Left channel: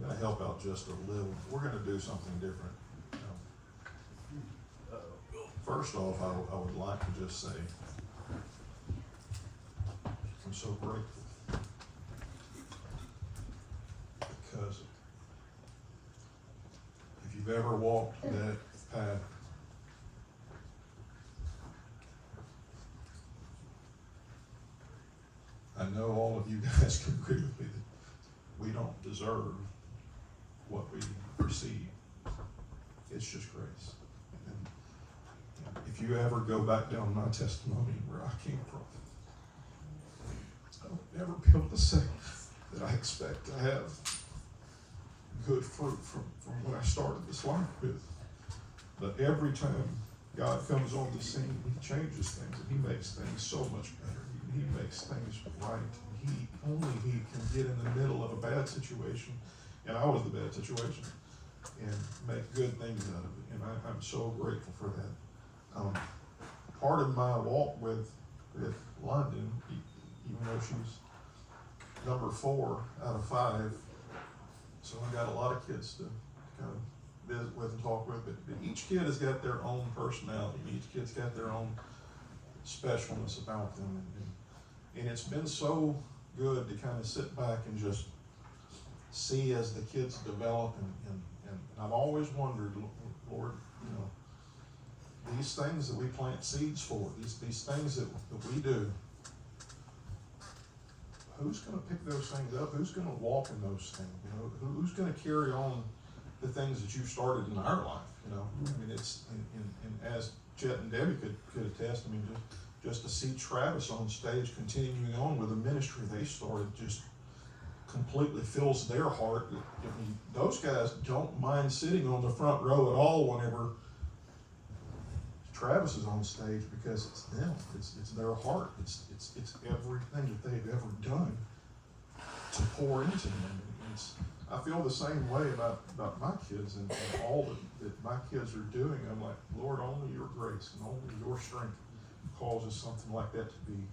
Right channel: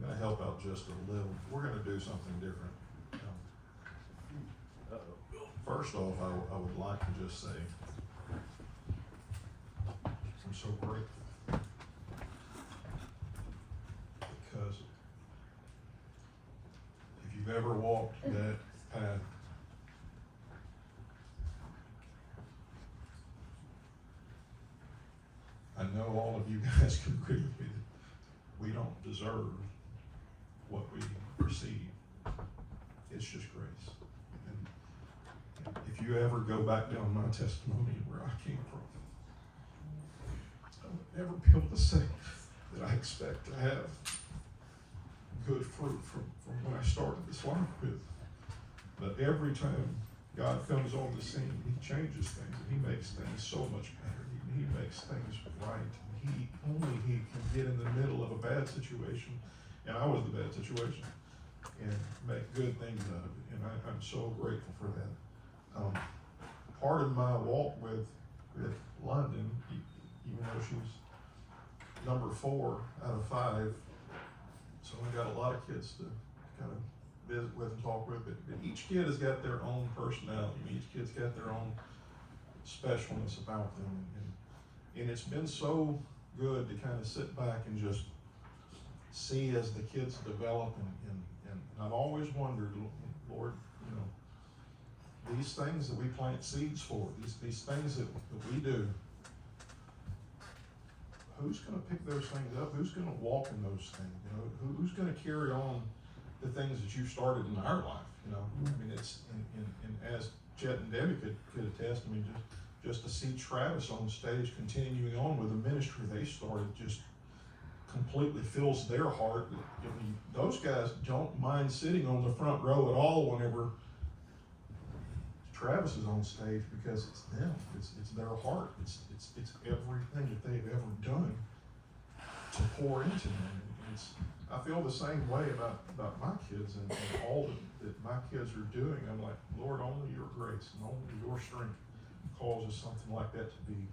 gonna help out just a little. We're gonna do something different. First off, I would like to just say I'm so grateful because if you've ever walked that path, I know all of you guys can agree with me that we don't deserve what we receive. It's just grace. And if you ever go back down my testimony where I came from, I would never be able to say that I expect to have good fruit from when I started this life with. But every time God comes on the scene, He changes things and He makes things so much better. He makes things right. Only He can get in the middle of a bad situation, and I was the bad situation, and make good things out of it. And I'm so grateful for that. Part of my walk with Londyn, even though she's number 4 out of 5, so I got a lot of kids to kind of visit with and talk with, but each kid has got their own personality. Each kid's got their own specialness about them, and it's been so good to kind of sit back and just see as the kids develop, and I've always wondered, Lord, you know, these things that we plant seeds for, these things that we do, who's going to pick those things up? Who's going to walk in those things? You know, who's going to carry on the things that you started in our life? You know, I mean, it's and as Chet and Debbie could attest. I mean, just to see Travis on stage continuing on with the ministry they started just completely fills their heart. I mean, those guys don't mind sitting on the front row at all whenever Travis is on stage, because it's them. It's their heart. It's everything that they've ever done to pour into them. And I feel the same way about my kids and all that my kids are doing. I'm like, Lord, only your grace and only your strength causes something like that to be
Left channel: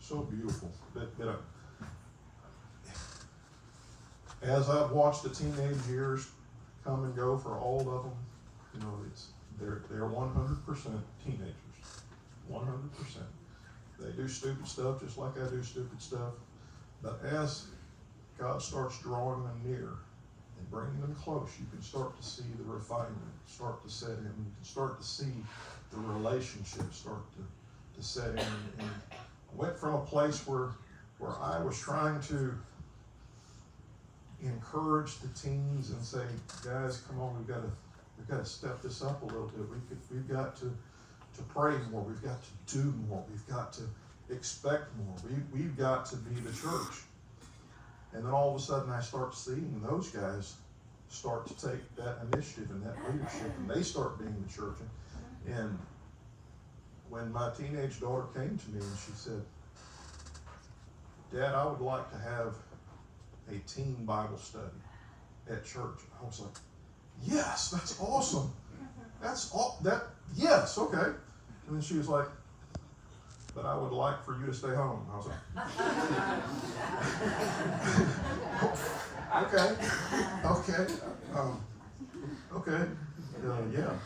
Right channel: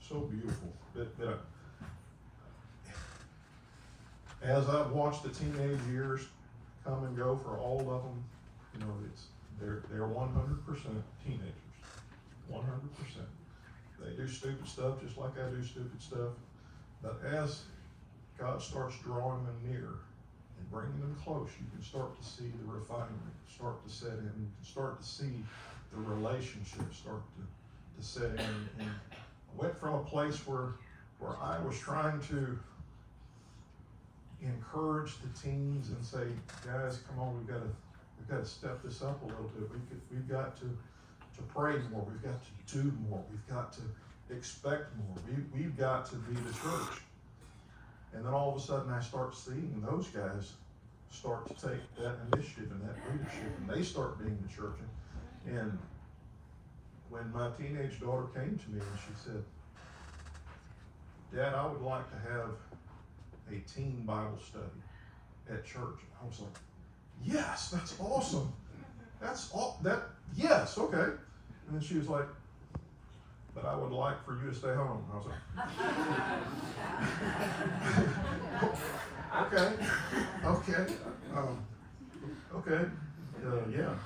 so beautiful. But as I've watched the teenage years come and go for all of them, you know, they're 100% teenagers, 100%. They do stupid stuff just like I do stupid stuff. But as God starts drawing them near and bringing them close, you can start to see the refinement start to set in. You can start to see the relationship start to set in. And I went from a place where I was trying to encourage the teens and say, guys, come on, we've got to step this up a little bit. We've got to pray more. We've got to do more. We've got to expect more. We've got to be the church. And then all of a sudden I start seeing those guys start to take that initiative and that leadership, and they start being the church. And when my teenage daughter came to me and she said, Dad, I would like to have a teen Bible study at church. I was like, yes, that's awesome. Yes, okay. And then she was like, but I would like for you to stay home. I was like, okay, yeah.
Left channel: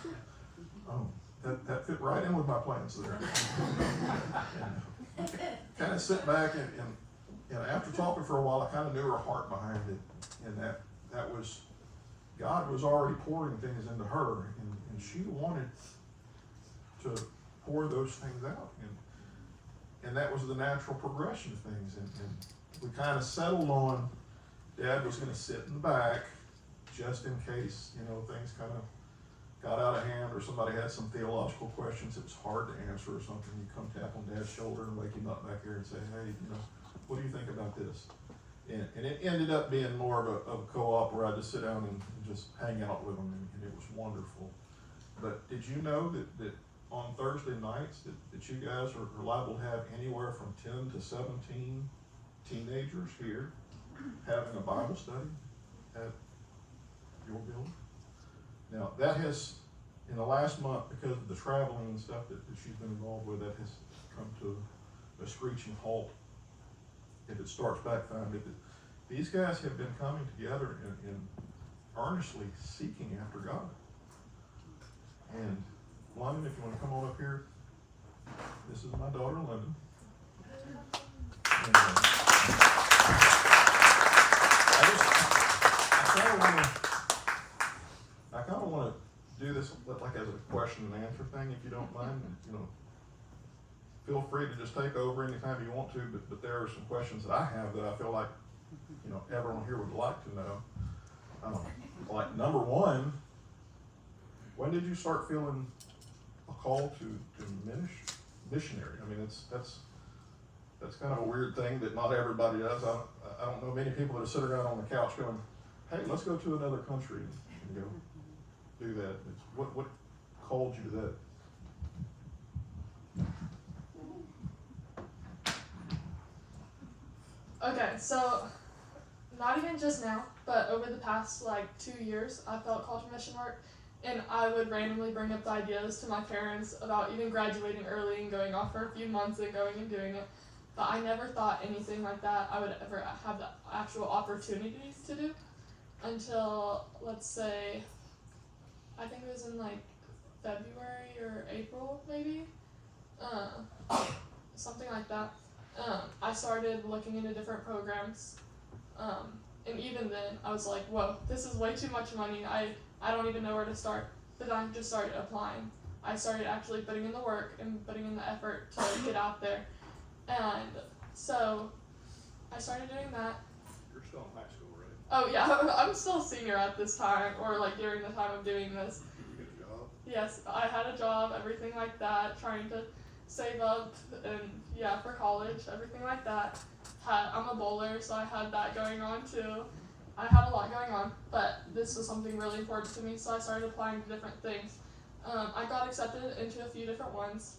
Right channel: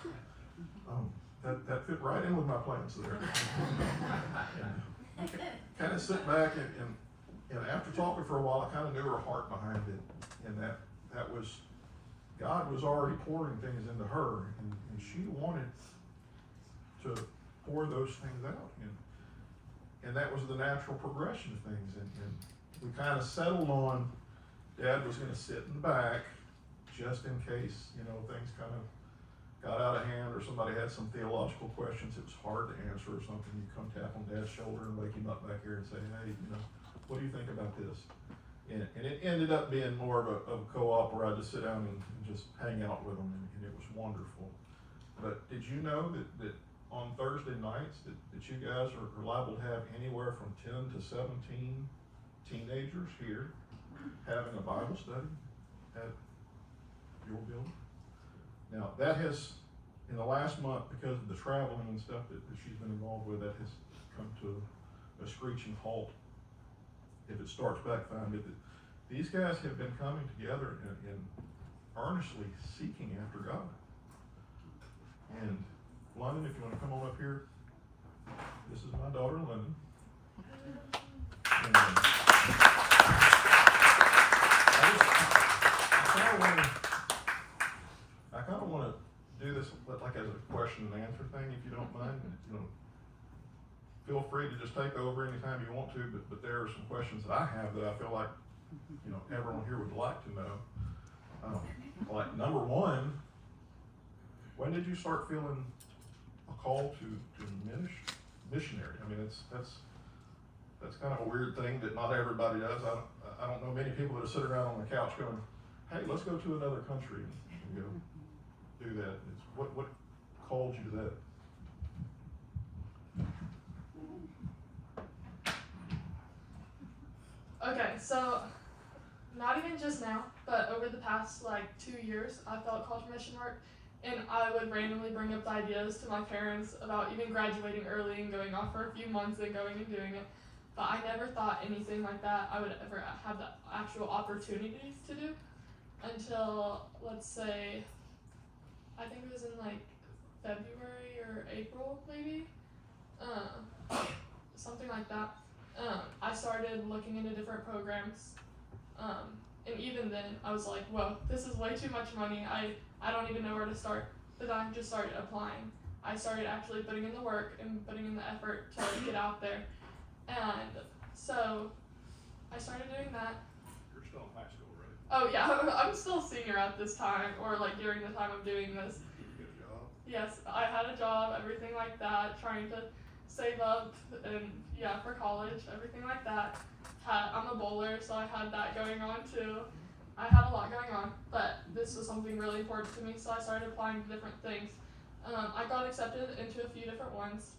That fit right in with my plans there. And kind of sit back and after talking for a while, I kind of knew her heart behind it, and that was God was already pouring things into her, and she wanted to pour those things out, and that was the natural progression of things, and we kind of settled on Dad was going to sit in the back just in case, you know, things kind of got out of hand or somebody had some theological questions it was hard to answer or something. You come tap on Dad's shoulder and wake him up back here and say, hey, you know, what do you think about this? And it ended up being more of a co-op where I just sit down and just hang out with them, and it was wonderful. But did you know that on Thursday nights that you guys are liable to have anywhere from 10 to 17 teenagers here having a Bible study at your building? Now that has, in the last month, because of the traveling and stuff that she's been involved with, that has come to a screeching halt. it starts back founded. These guys have been coming together and earnestly seeking after God. And Londyn, if you want to come on up here, this is my daughter, Londyn. And, I kind of want to do this like as a question and answer thing, if you don't mind. Feel free to just take over anytime you want to, but there are some questions that I have that I feel like, everyone here would like to know. Like number one, when did you start feeling a call to missionary? I mean, that's kind of a weird thing that not everybody does. I don't know many people that sit around on the couch going, hey, let's go to another country and go do that. What called you to that? Okay, so not even just now, but over the past 2 years, I felt called to mission work, and I would randomly bring up ideas to my parents about even graduating early and going off for a few months and going and doing it. But I never thought anything like that I would ever have the actual opportunities to do until, let's say, I think it was in February or April maybe, something like that. I started looking into different programs, and even then I was like, whoa, this is way too much money, I don't even know where to start. But then I just started applying. I started actually putting in the work and putting in the effort to get out there. And so I started doing that. You're still in high school, right? Oh yeah, I'm still a senior at this time, or during the time of doing this. Did you get a job? Yes, I had a job, everything like that, trying to save up and for college, everything like that. I'm a bowler, so I had that going on too. I had a lot going on, but this was something really important to me, so I started applying to different things. I got accepted into a few different ones.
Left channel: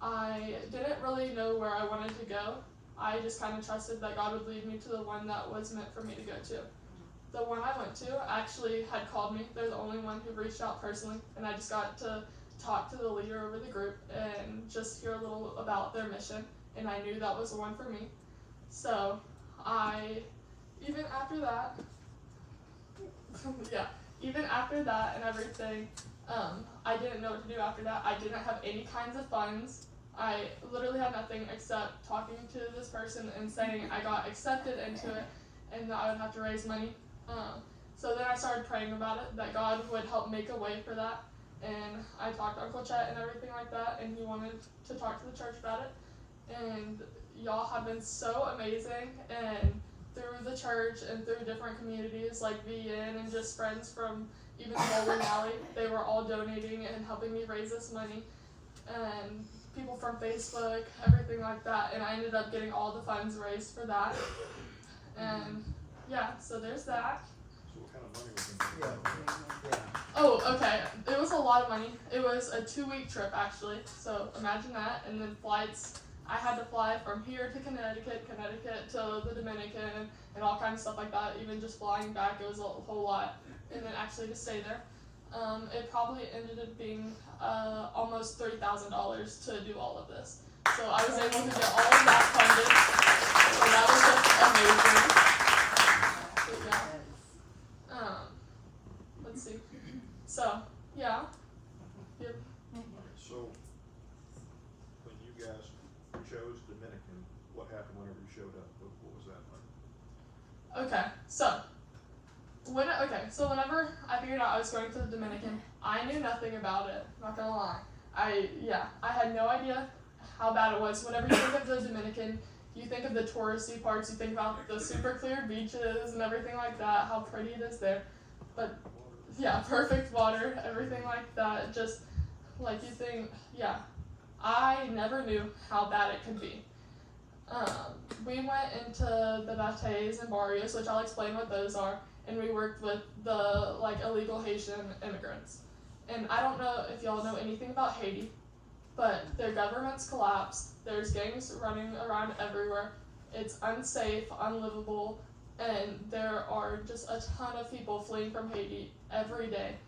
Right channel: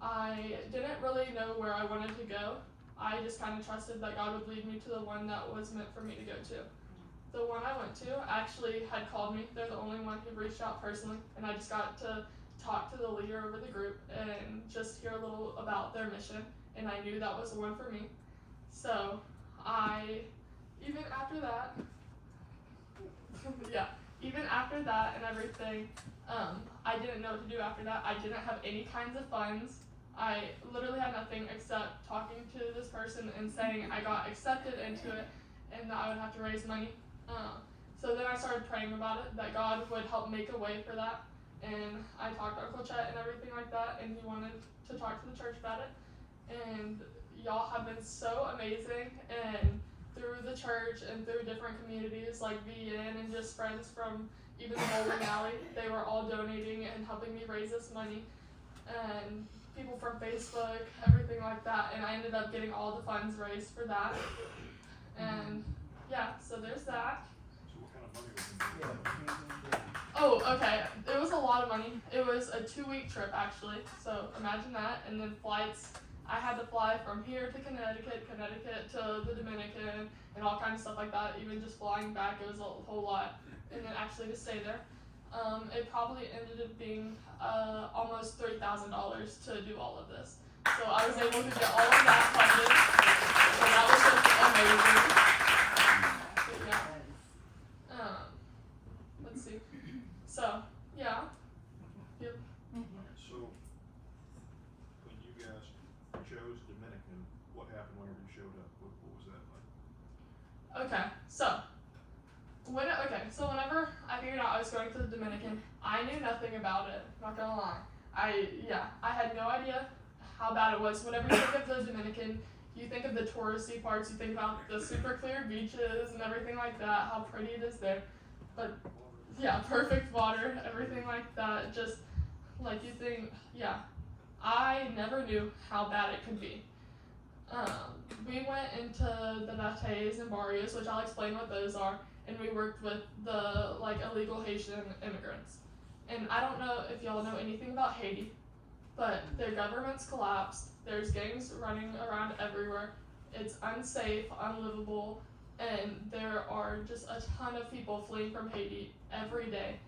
I didn't really know where I wanted to go. I just kind of trusted that God would lead me to the one that was meant for me to go to. The one I went to actually had called me. They're the only one who reached out personally, and I just got to talk to the leader over the group and just hear a little about their mission, and I knew that was the one for me. So even after that and everything, I didn't know what to do after that. I didn't have any kinds of funds. I literally had nothing except talking to this person and saying I got accepted into it and that I would have to raise money. So then I started praying about it, that God would help make a way for that. And I talked to Uncle Chet and everything like that, and he wanted to talk to the church about it. And y'all have been so amazing, and through the church and through different communities like VN and just friends from even Bowling Alley, they were all donating and helping me raise this money. And people from Facebook, everything like that, and I ended up getting all the funds raised for that. And so there's that. So what kind of money was in there? Oh, okay. It was a lot of money. It was a 2-week trip, actually. So imagine that. And then flights. I had to fly from here to Connecticut to the Dominican, and all kinds of stuff like that. Even just flying back, it was a whole lot. And then actually to stay there. It probably ended up being almost $3,000 to do all of this. So I was able to get all of that funded. So that was just amazing. Let's see. So, Yep. So, when you guys chose Dominican, what happened whenever you showed up? What was that like? Okay, so whenever I figured out I was going to the Dominican, I knew nothing about it, not gonna lie. I had no idea how bad it was. Whenever you think of the Dominican, you think of the touristy parts, you think about the super clear beaches and everything like that, how pretty it is there. But perfect water, everything like that, just like you think, I never knew how bad it could be. We went into the bateys and barrios, which I'll explain what those are, and we worked with the illegal Haitian immigrants. And I don't know if y'all know anything about Haiti, but their government's collapsed, there's gangs running around everywhere, it's unsafe, unlivable, and there are just a ton of people fleeing from Haiti every day,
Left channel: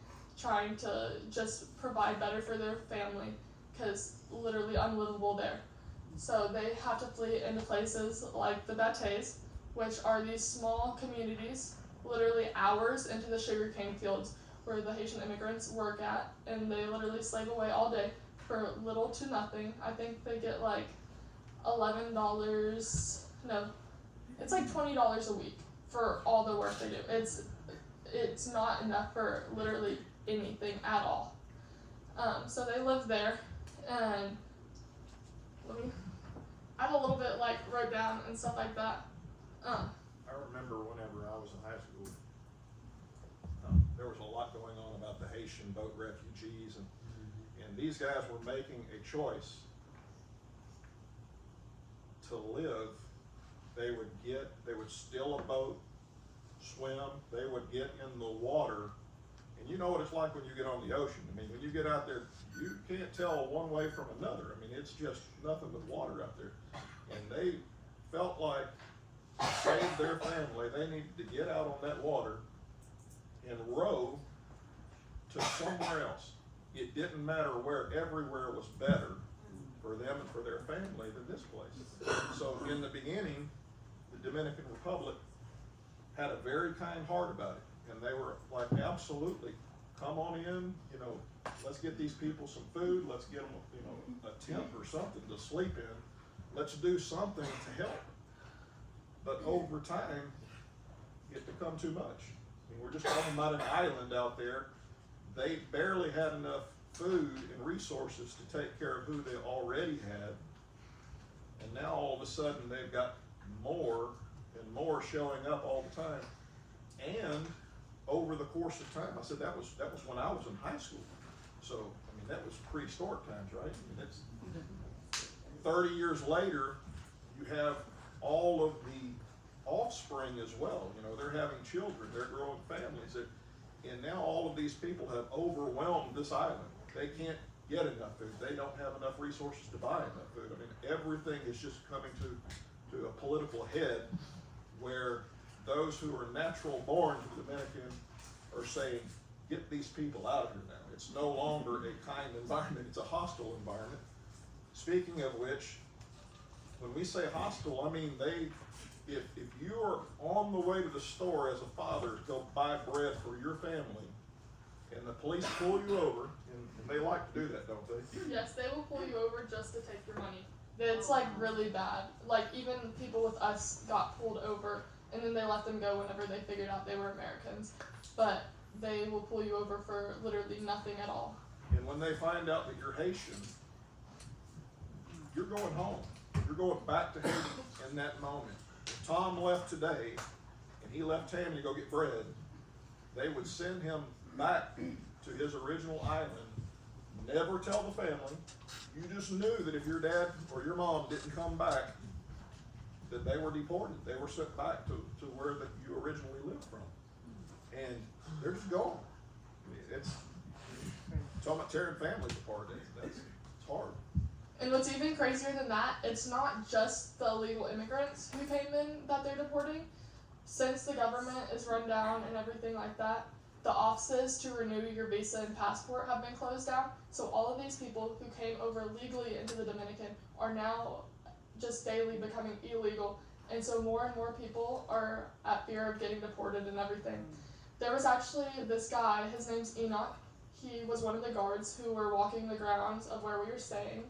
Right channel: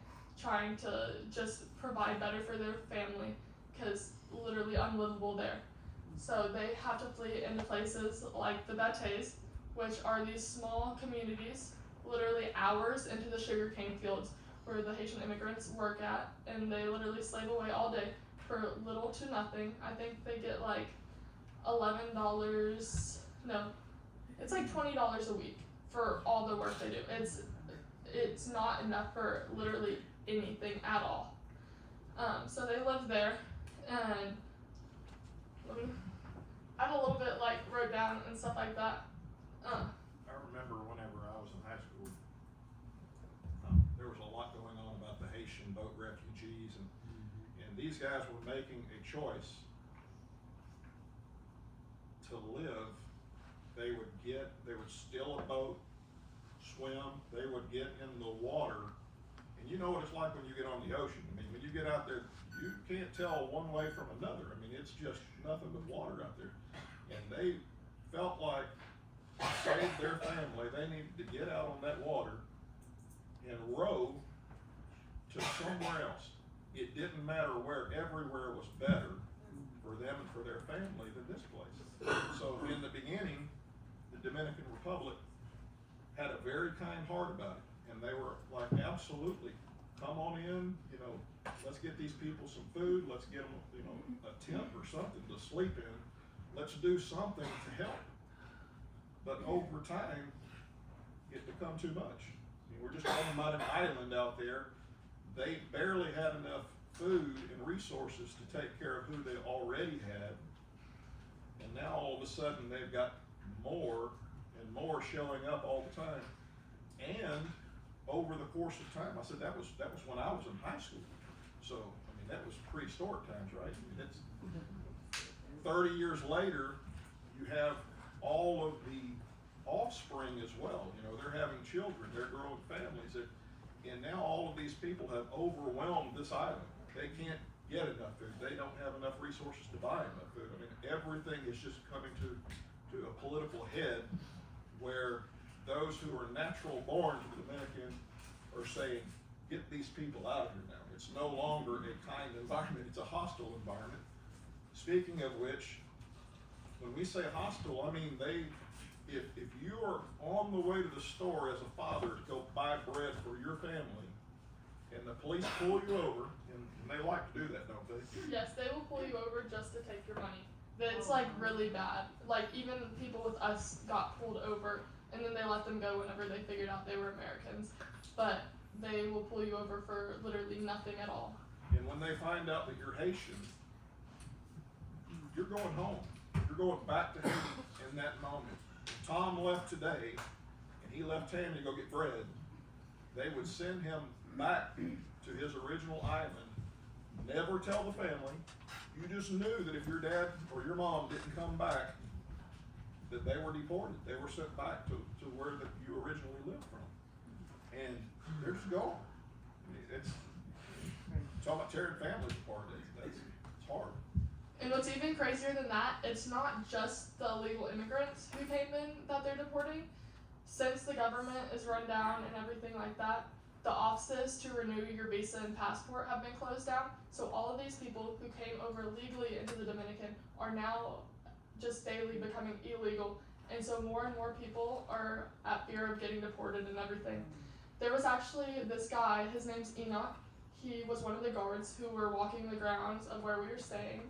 trying to just provide better for their family, because literally unlivable there. So they have to flee into places like the Bates, which are these small communities, literally hours into the sugarcane fields where the Haitian immigrants work at, and they literally slave away all day for little to nothing. I think they get like $11, no, it's like $20 a week for all the work they do. It's not enough for literally anything at all. So they live there, and I have a little bit like wrote down and stuff like that. I remember whenever I was in high school, there was a lot going on about the Haitian boat refugees, and these guys were making a choice to live. They would steal a boat, swim, they would get in the water, and you know what it's like when you get on the ocean. I mean, when you get out there, you can't tell one way from another. I mean, it's just nothing but water out there. And they felt like to save their family, they needed to get out on that water and row to somewhere else. It didn't matter where, everywhere was better for them and for their family than this place. So in the beginning, the Dominican Republic had a very kind heart about it. And they were like, absolutely, come on in, let's get these people some food, let's get them, a tent or something to sleep in. Let's do something to help. But over time, it become too much. I mean, we're just talking about an island out there. They barely had enough food and resources to take care of who they already had. And now all of a sudden they've got more and more showing up all the time. And over the course of time, I said that was when I was in high school. So, I mean, that was prehistoric times, right? I mean, it's 30 years later, you have all of the offspring as well. They're having children, they're growing families, and now all of these people have overwhelmed this island. They can't get enough food. They don't have enough resources to buy enough food. I mean, everything is just coming to a political head where those who are natural born to the Dominican are saying, get these people out of here now. It's no longer a kind environment, it's a hostile environment. Speaking of which, when we say hostile, I mean if you are on the way to the store as a father to go buy bread for your family, and the police pull you over, and they like to do that, don't they? Yes, they will pull you over just to take your money. It's like really bad. Like even people with us got pulled over, and then they let them go whenever they figured out they were Americans. But they will pull you over for literally nothing at all. And when they find out that you're Haitian, you're going home. You're going back to Haiti in that moment. If Tom left today, and he left Tammy to go get bread, they would send him back to his original island. Never tell the family. You just knew that if your dad or your mom didn't come back, that they were deported. They were sent back to where that you originally lived from. And they're just gone. I mean, it's talking about tearing families apart. It's hard. And what's even crazier than that, it's not just the illegal immigrants who came in that they're deporting. Since the government is run down and everything like that, the offices to renew your visa and passport have been closed down. So all of these people who came over legally into the Dominican are now just daily becoming illegal. And so more and more people are at fear of getting deported and everything. There was actually this guy, his name's Enoch. He was one of the guards who were walking the grounds of where we were staying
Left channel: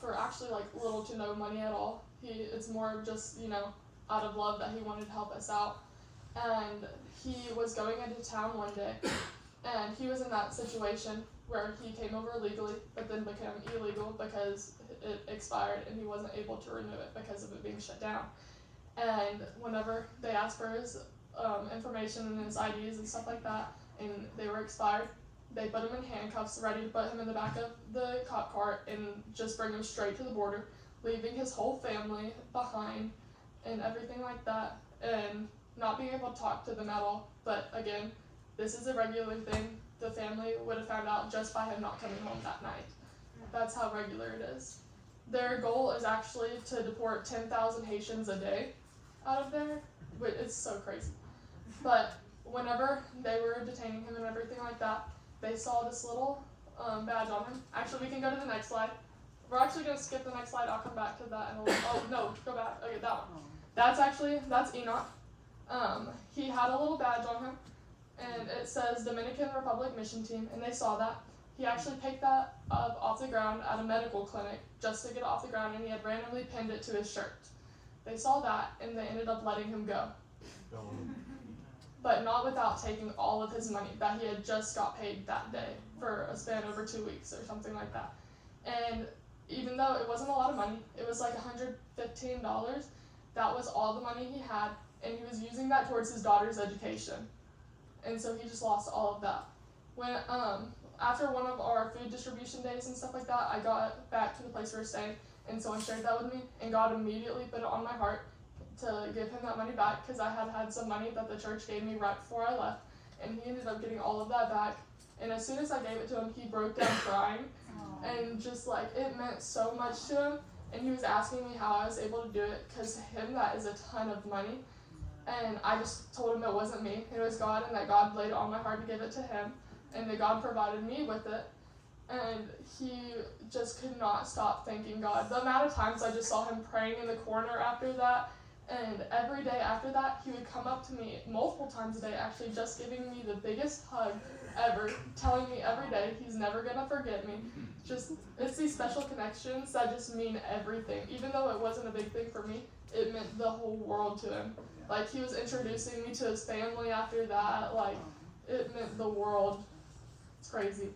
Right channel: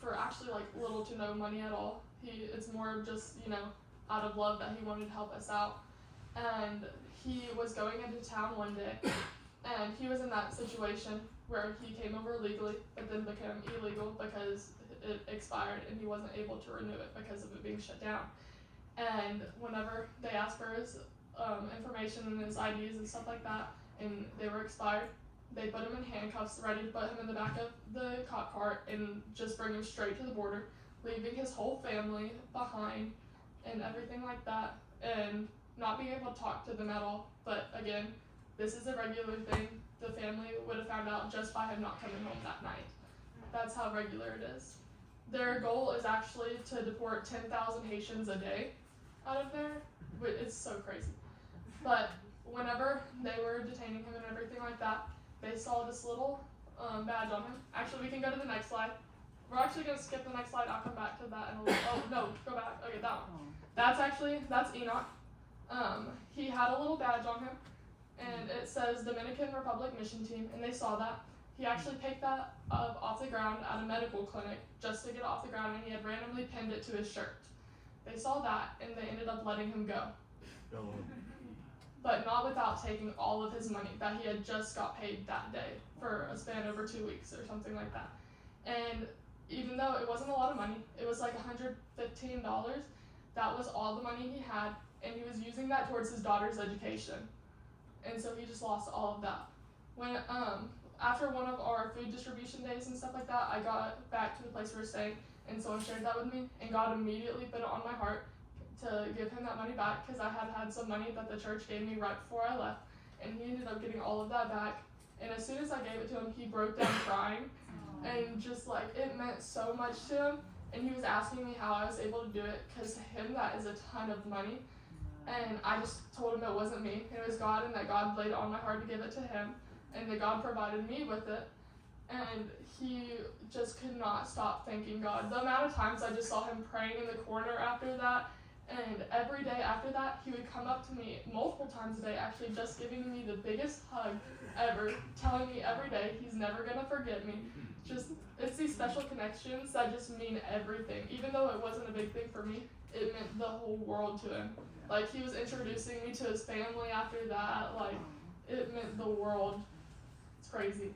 for actually like little to no money at all. It's more of just, out of love that he wanted to help us out. And he was going into town one day, and he was in that situation where he came over legally, but then became illegal because it expired and he wasn't able to renew it because of it being shut down. And whenever they asked for his information and his IDs and stuff like that, and they were expired, they put him in handcuffs, ready to put him in the back of the cop car and just bring him straight to the border, leaving his whole family behind and everything like that, and not being able to talk to them at all. But again, this is a regular thing. The family would have found out just by him not coming home that night. That's how regular it is. Their goal is actually to deport 10,000 Haitians a day out of there. It's so crazy. But whenever they were detaining him and everything like that, they saw this little badge on him. Actually, we can go to the next slide. we're actually gonna skip the next slide. I'll come back to that in a little. Oh no, go back. Okay, that one. That's Enoch. He had a little badge on him, and it says Dominican Republic Mission Team, and they saw that. He actually picked that up off the ground at a medical clinic just to get it off the ground, and he had randomly pinned it to his shirt. They saw that, and they ended up letting him go. But not without taking all of his money that he had just got paid that day for a span over 2 weeks or something like that. And even though it wasn't a lot of money, it was like $115, that was all the money he had, and he was using that towards his daughter's education. And so he just lost all of that. When after one of our food distribution days and stuff like that, I got back to the place we were staying, and someone shared that with me, and God immediately put it on my heart to give him that money back, because I had some money that the church gave me right before I left, and he ended up getting all of that back. And as soon as I gave it to him, he broke down crying, and just like, it meant so much to him, and he was asking me how I was able to do it, because to him that is a ton of money. And I just told him it wasn't me, it was God, and that God laid it on my heart to give it to him, and that God provided me with it. And he just could not stop thanking God. The amount of times I just saw him praying in the corner after that, and every day after that, he would come up to me multiple times a day, actually just giving me the biggest hug ever, telling me every day he's never gonna forget me. Just, it's these special connections that just mean everything. Even though it wasn't a big thing for me, it meant the whole world to him. Like, he was introducing me to his family after that, like, it meant the world. It's crazy.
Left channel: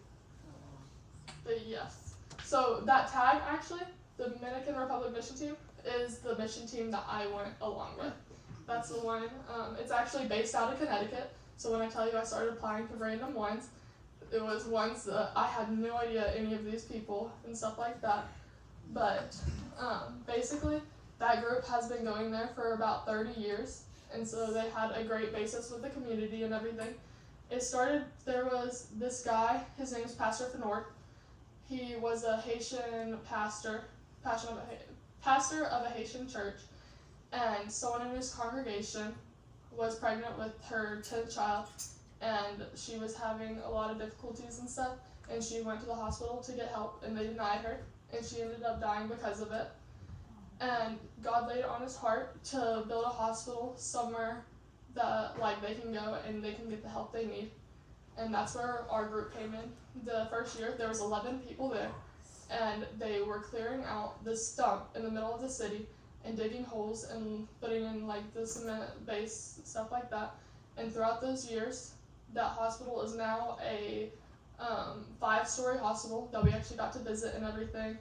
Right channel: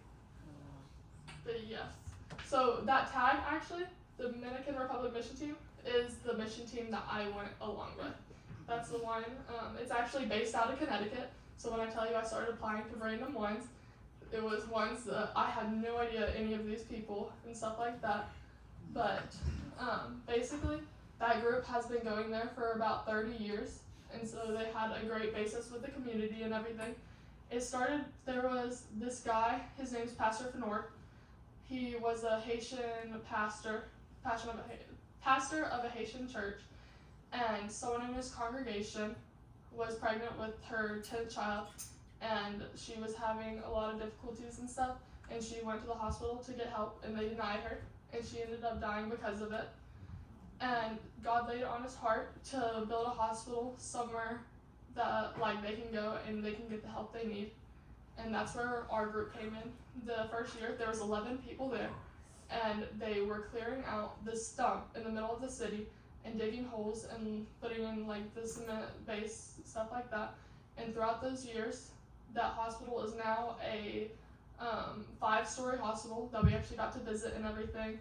But yes. So that tag, actually, the Dominican Republic Mission Team, is the mission team that I went along with. That's the one. It's actually based out of Connecticut. So when I tell you I started applying for random ones, it was ones that I had no idea any of these people and stuff like that. But basically, that group has been going there for about 30 years. And so they had a great basis with the community and everything. It started, there was this guy, his name's Pastor Fenord. He was a Haitian pastor of a Haitian church, and someone in his congregation was pregnant with her 10th child, and she was having a lot of difficulties and stuff, and she went to the hospital to get help, and they denied her, and she ended up dying because of it. And God laid it on his heart to build a hospital somewhere that like they can go and they can get the help they need. And that's where our group came in. The first year there was 11 people there, and they were clearing out this stump in the middle of the city and digging holes and putting in like the cement base, stuff like that. And throughout those years, that hospital is now a 5-story hospital that we actually got to visit and everything.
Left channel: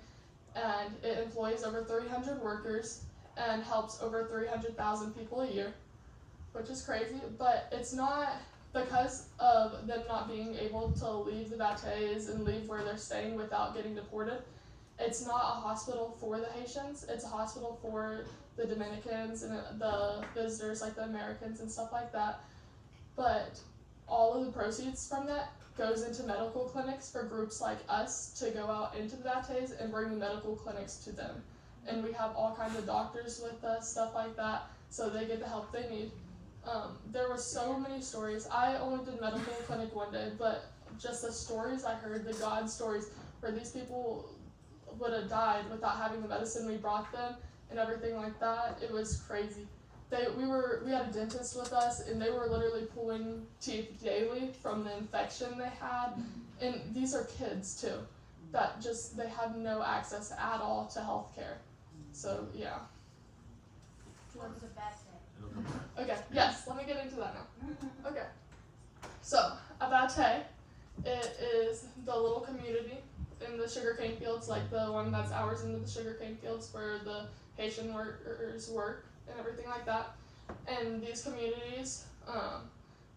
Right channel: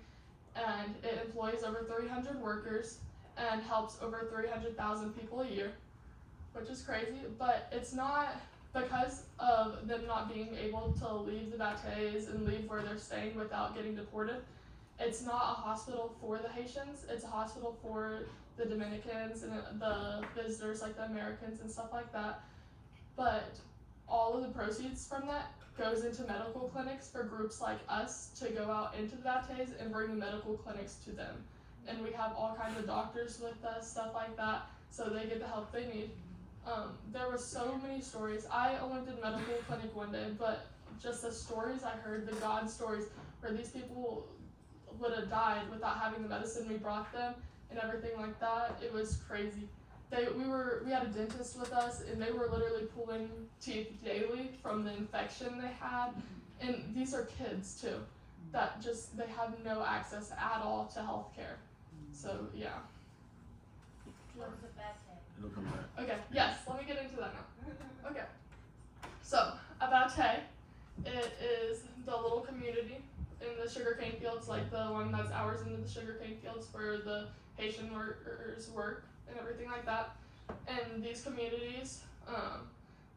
And it employs over 300 workers and helps over 300,000 people a year, which is crazy. But it's not because of them not being able to leave the Baptistes and leave where they're staying without getting deported. It's not a hospital for the Haitians, it's a hospital for the Dominicans and the visitors, like the Americans and stuff like that. But all of the proceeds from that goes into medical clinics for groups like us to go out into the Baptistes and bring the medical clinics to them. And we have all kinds of doctors with us, stuff like that, so they get the help they need. There were so many stories. I only did medical clinic one day, but just the stories I heard, the God stories, where these people would have died without having the medicine we brought them and everything like that, it was crazy. We had a dentist with us, and they were literally pulling teeth daily from the infection they had. And these are kids too, that just, they have no access at all to healthcare. So yeah. What was it back then? Okay, yes, let me get into that now. Okay. So, Abate, it is the little community in the sugarcane fields, like the one that's hours into the sugarcane fields where the Haitian workers work and everything like that. And these communities,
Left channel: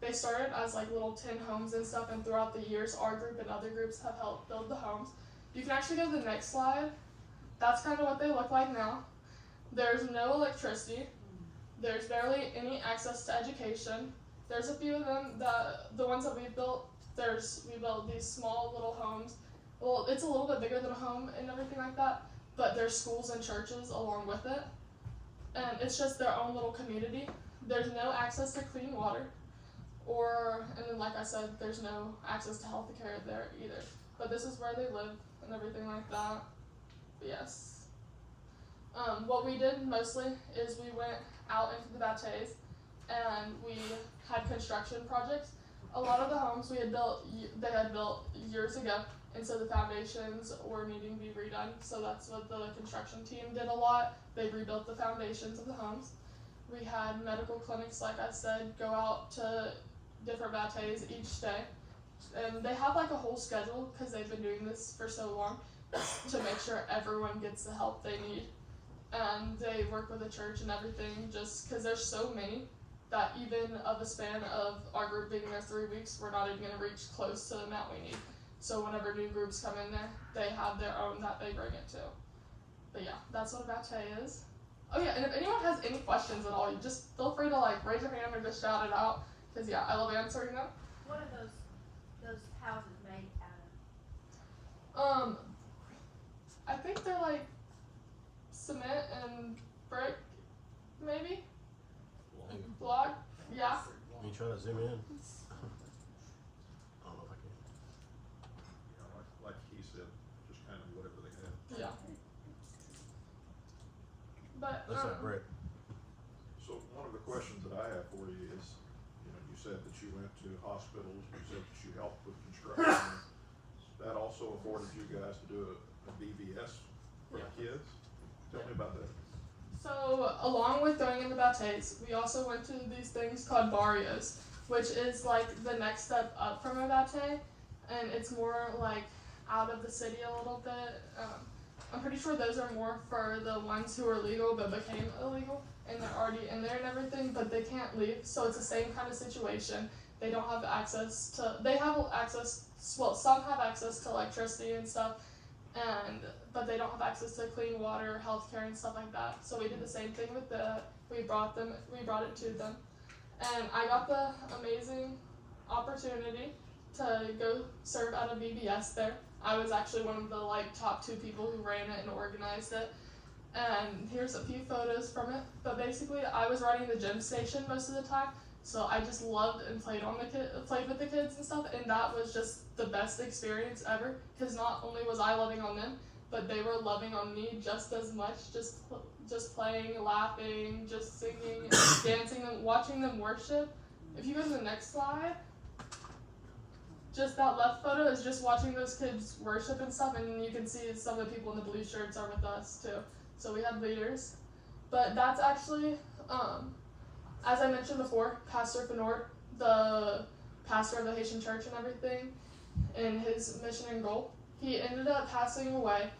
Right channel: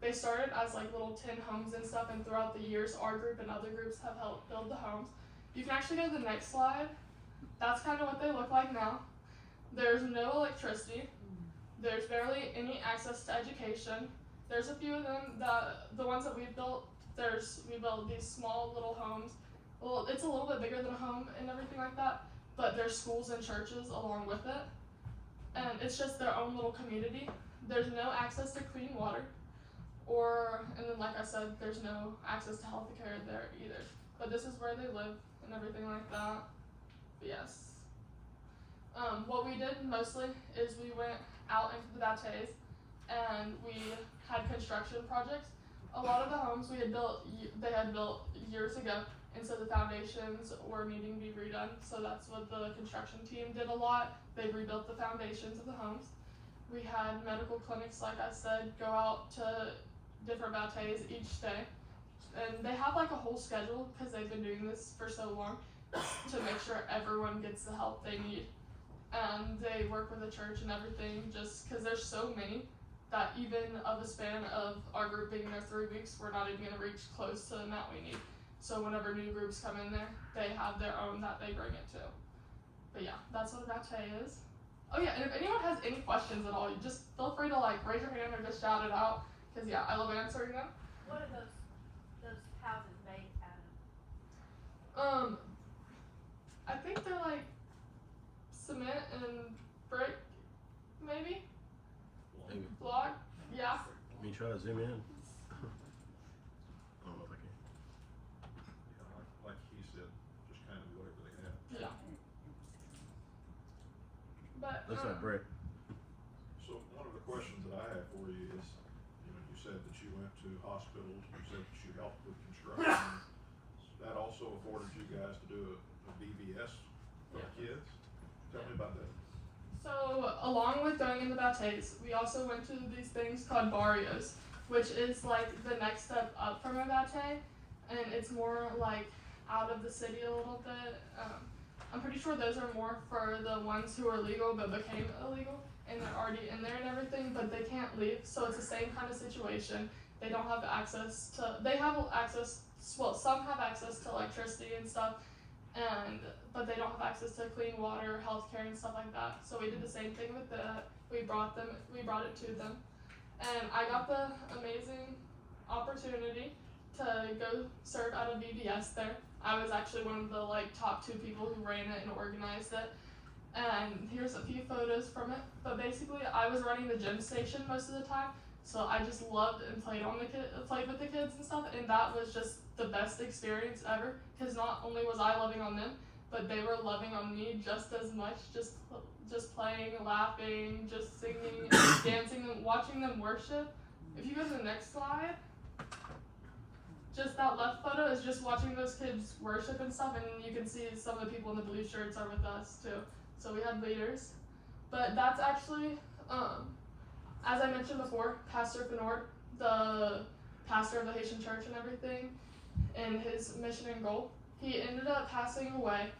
they started as like little tin homes and stuff, and throughout the years, our group and other groups have helped build the homes. You can actually go to the next slide. That's kind of what they look like now. There's no electricity. There's barely any access to education. There's a few of them, the ones that we've built, we built these small little homes. Well, it's a little bit bigger than a home and everything like that, but there's schools and churches along with it. And it's just their own little community. There's no access to clean water, and then like I said, there's no access to health care there either. But this is where they live and everything like that. Yes. What we did mostly is we went out into the bateys and we had construction projects. A lot of the homes we had built, they had built years ago, and so the foundations were needing to be redone. So that's what the construction team did a lot. They rebuilt the foundations of the homes. We had medical clinics, like I said, go out to different bateys each day. And they have like a whole schedule because they've been doing this for so long to make sure everyone gets the help they need. And they work with the church and everything just because there's so many that even of a span of our group being there 3 weeks, we're not even going to reach close to the amount we need. So whenever new groups come in there, they have their own that they bring it to. But yeah, that's what a batey is. Oh yeah, and if anyone has any questions at all, you just feel free to like raise your hand or just shout it out. Cause yeah, I love answering them. What are those houses made out of? I think they're like cement and brick, maybe? Block? Yeah. You try to zoom in? Yeah, like he said, just kind of whatever they had. Yeah. But That's not brick. So one of the questions that I have for you is, you know, you said that you went to hospitals, you said that you helped with construction. That also afforded you guys to do a BVS for the kids. Tell me about that. So, along with going in the bateys, we also went to these things called barrios, which is like the next step up from a batey, and it's more like out of the city a little bit. I'm pretty sure those are more for the ones who are legal but became illegal, and they're already in there and everything, but they can't leave, so it's the same kind of situation. They don't have access to, they have access, well, some have access to electricity and stuff, but they don't have access to clean water, healthcare, and stuff like that. So we did the same thing with that. We brought it to them, and I got the amazing opportunity to go serve at a VBS there. I was actually one of the like top 2 people who ran it and organized it. And here's a few photos from it. But basically, I was running the gym station most of the time, so I just loved and played with the kids and stuff, and that was just the best experience ever. Because not only was I loving on them, but they were loving on me just as much. Just playing, laughing, just singing, dancing, and watching them worship. If you go to the next slide, just that left photo is just watching those kids worship and stuff, and you can see some of the people in the blue shirts are with us too. So we had leaders, but that's actually, as I mentioned before, Pastor Fenord, the pastor of the Haitian church and everything, and his mission and goal, he ended up passing away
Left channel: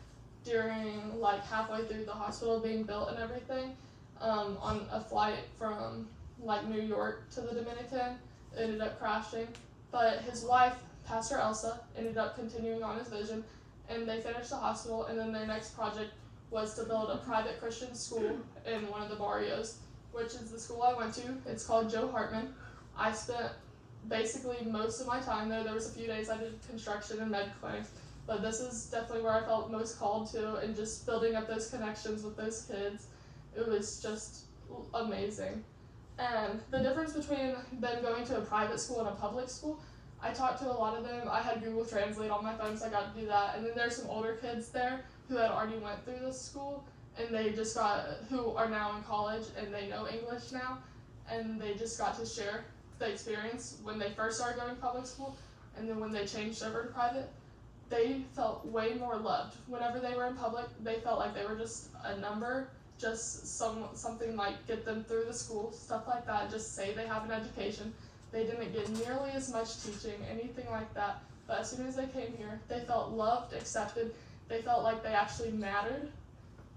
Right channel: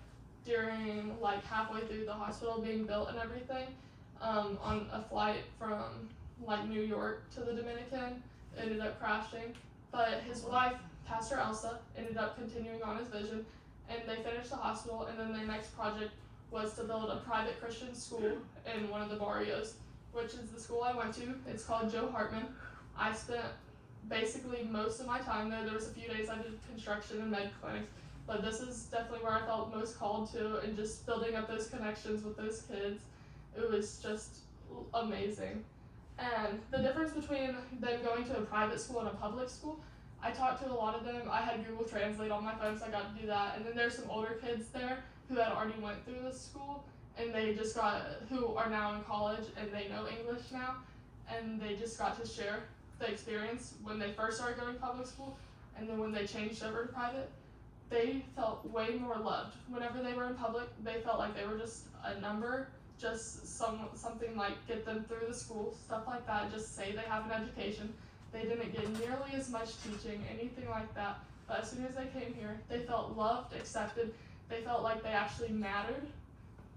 during like halfway through the hospital being built and everything, on a flight from like New York to the Dominican. It ended up crashing, but his wife, Pastor Elsa, ended up continuing on his vision, and they finished the hospital, and then their next project was to build a private Christian school in one of the barrios, which is the school I went to. It's called Joe Hartman. I spent basically most of my time there. There was a few days I did construction and med clinics, but this is definitely where I felt most called to, and just building up those connections with those kids. It was just amazing. And the difference between them going to a private school and a public school, I talked to a lot of them. I had Google Translate on my phone, so I got to do that. And then there's some older kids there who had already went through this school, and they just who are now in college, and they know English now, and they just got to share the experience when they first started going to public school, and then when they changed over to private. They felt way more loved. Whenever they were in public, they felt like they were just a number, just something like get them through the school, stuff like that, just say they have an education. They didn't get nearly as much teaching, anything like that, but as soon as they came here, they felt loved, accepted. They felt like they actually mattered,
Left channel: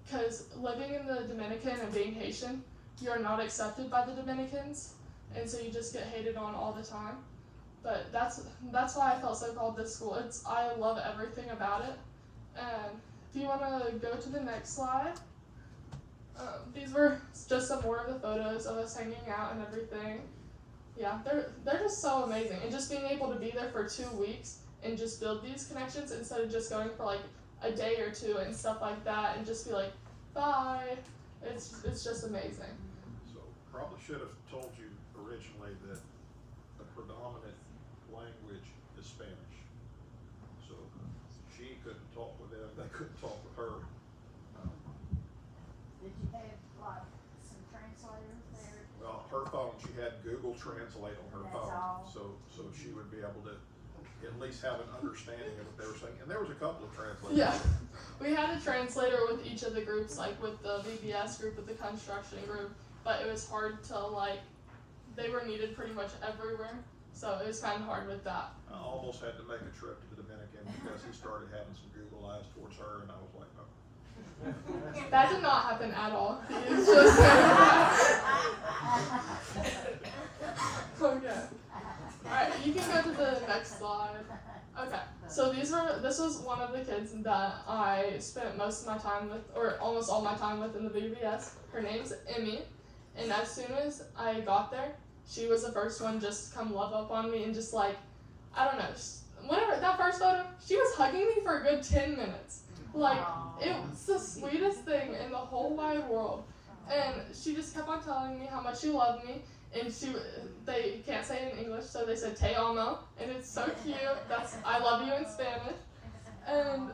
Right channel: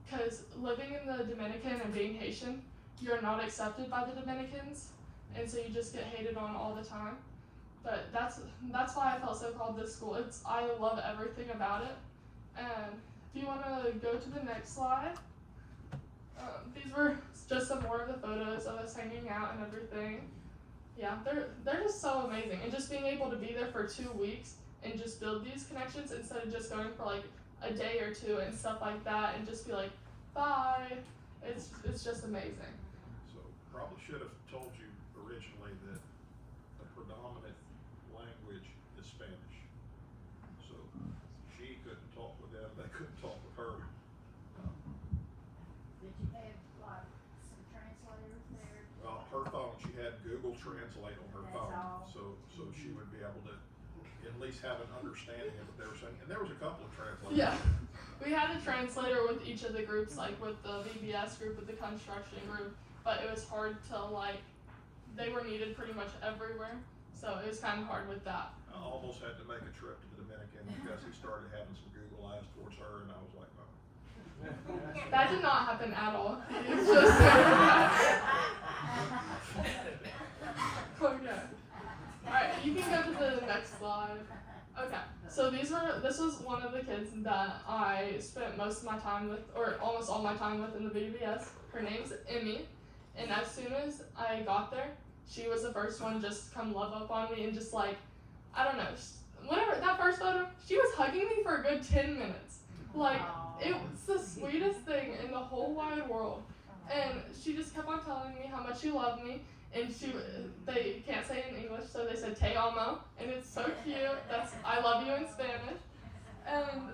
because living in the Dominican and being Haitian, you're not accepted by the Dominicans, and so you just get hated on all the time. But that's why I felt so called this school. I love everything about it. And if you want to go to the next slide, these were just some more of the photos of us hanging out and everything. Yeah, they're just so amazing, and just being able to be there for 2 weeks and just build these connections instead of just going for like a day or 2 and stuff like that, and just be like, bye. It's just amazing. So probably should have told you originally that the predominant language is Spanish. So she couldn't talk with them, they couldn't talk with her. Google Translate on her That's phone, all. so she would be able to at least have an understanding of what they were saying. And there was a couple of translators. Yeah. We had a translator with each of the groups, like with the VBS group, with the construction group, but it was hard to they were needed pretty much everywhere, so it was kind of hard with that. I almost had to make a trip to the Dominican because he started having some Google eyes towards her, and I was like, no. That did not happen at all. He was just okay. Alright, you can go to the next slide. Okay, so this was one of the kids that I spent most of my time with, or almost all my time with in the VBS. Her name's Emmy, and as soon as I got there, she was the first one just to come love up on me and just I don't know, whenever that first photo, she was hugging me for a good 10 minutes. It was the sweetest thing in the whole wide world. And she just kept on telling me how much she loved me. And they can't say it in English, so they said "te amo," and it's so cute. That's "I love you" in Spanish. And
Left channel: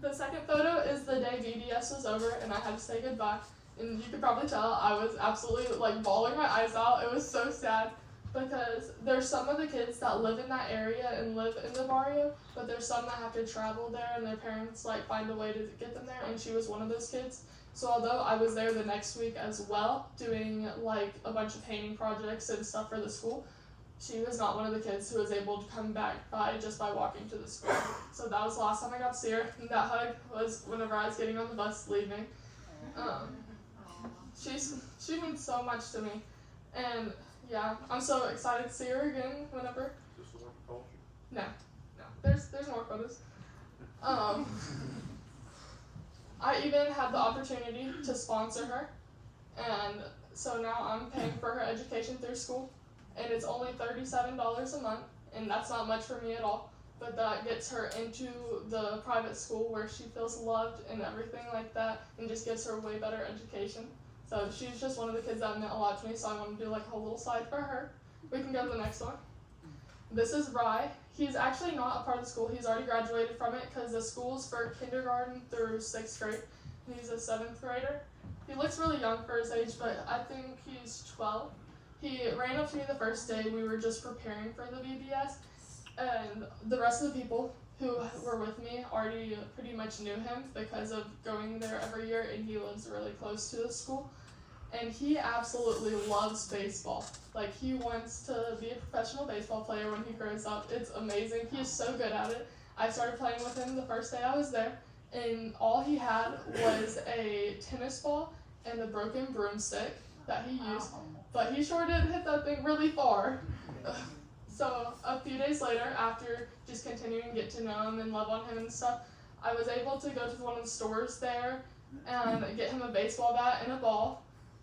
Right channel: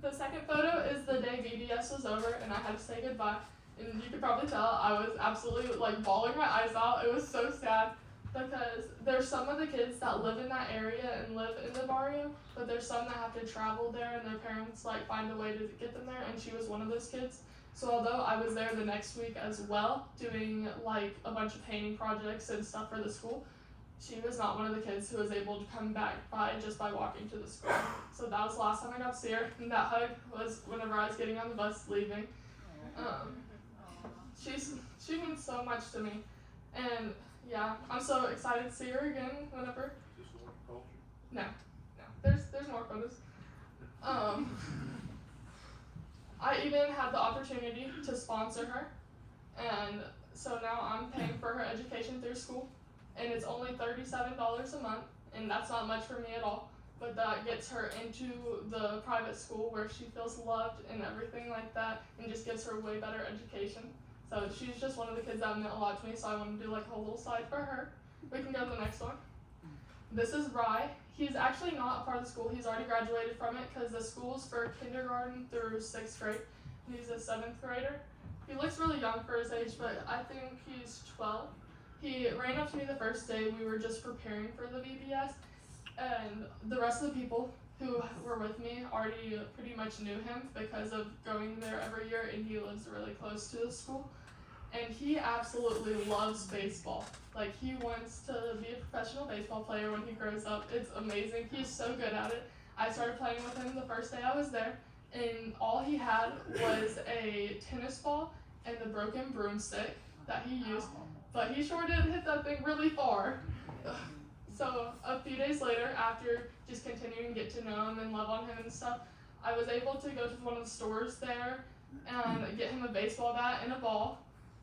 the second photo is the day VBS was over, and I had to say goodbye. And you could probably tell I was absolutely bawling my eyes out. It was so sad because there's some of the kids that live in that area and live in the barrio, but there's some that have to travel there, and their parents find a way to get them there. And she was one of those kids. So although I was there the next week as well, doing a bunch of painting projects and stuff for the school, she was not one of the kids who was able to come back just by walking to the school. So that was the last time I got to see her, and that hug was whenever I was getting on the bus leaving. She means so much to me, and yeah, I'm so excited to see her again whenever. Is this the one who called you? No, there's more photos. I even had the opportunity to sponsor her, and so now I'm paying for her education through school, and it's only $37 a month, and that's not much for me at all, but that gets her into the private school where she feels loved and everything like that, and just gives her a way better education. So she's just one of the kids that meant a lot to me, so I want to do a little side for her. We can go to the next one. This is Rye. He's actually not a part of the school. He's already graduated from it because the school's for kindergarten through 6th grade. He's a 7th grader. He looks really young for his age, but I think he's 12. He ran up to me the first day. We were just preparing for the VBS, and the rest of the people who were with me already pretty much knew him because of going there every year, and he lives really close to the school. And he absolutely loves baseball. He wants to be a professional baseball player when he grows up. It's amazing. He's so good at it. I started playing with him the first day I was there, and all he had was a tennis ball and a broken broomstick that he used, but he sure did hit that thing really far. So a few days later, after just continuing to get to know him and love on him and stuff, I was able to go to one of the stores there and get him a baseball bat and a ball.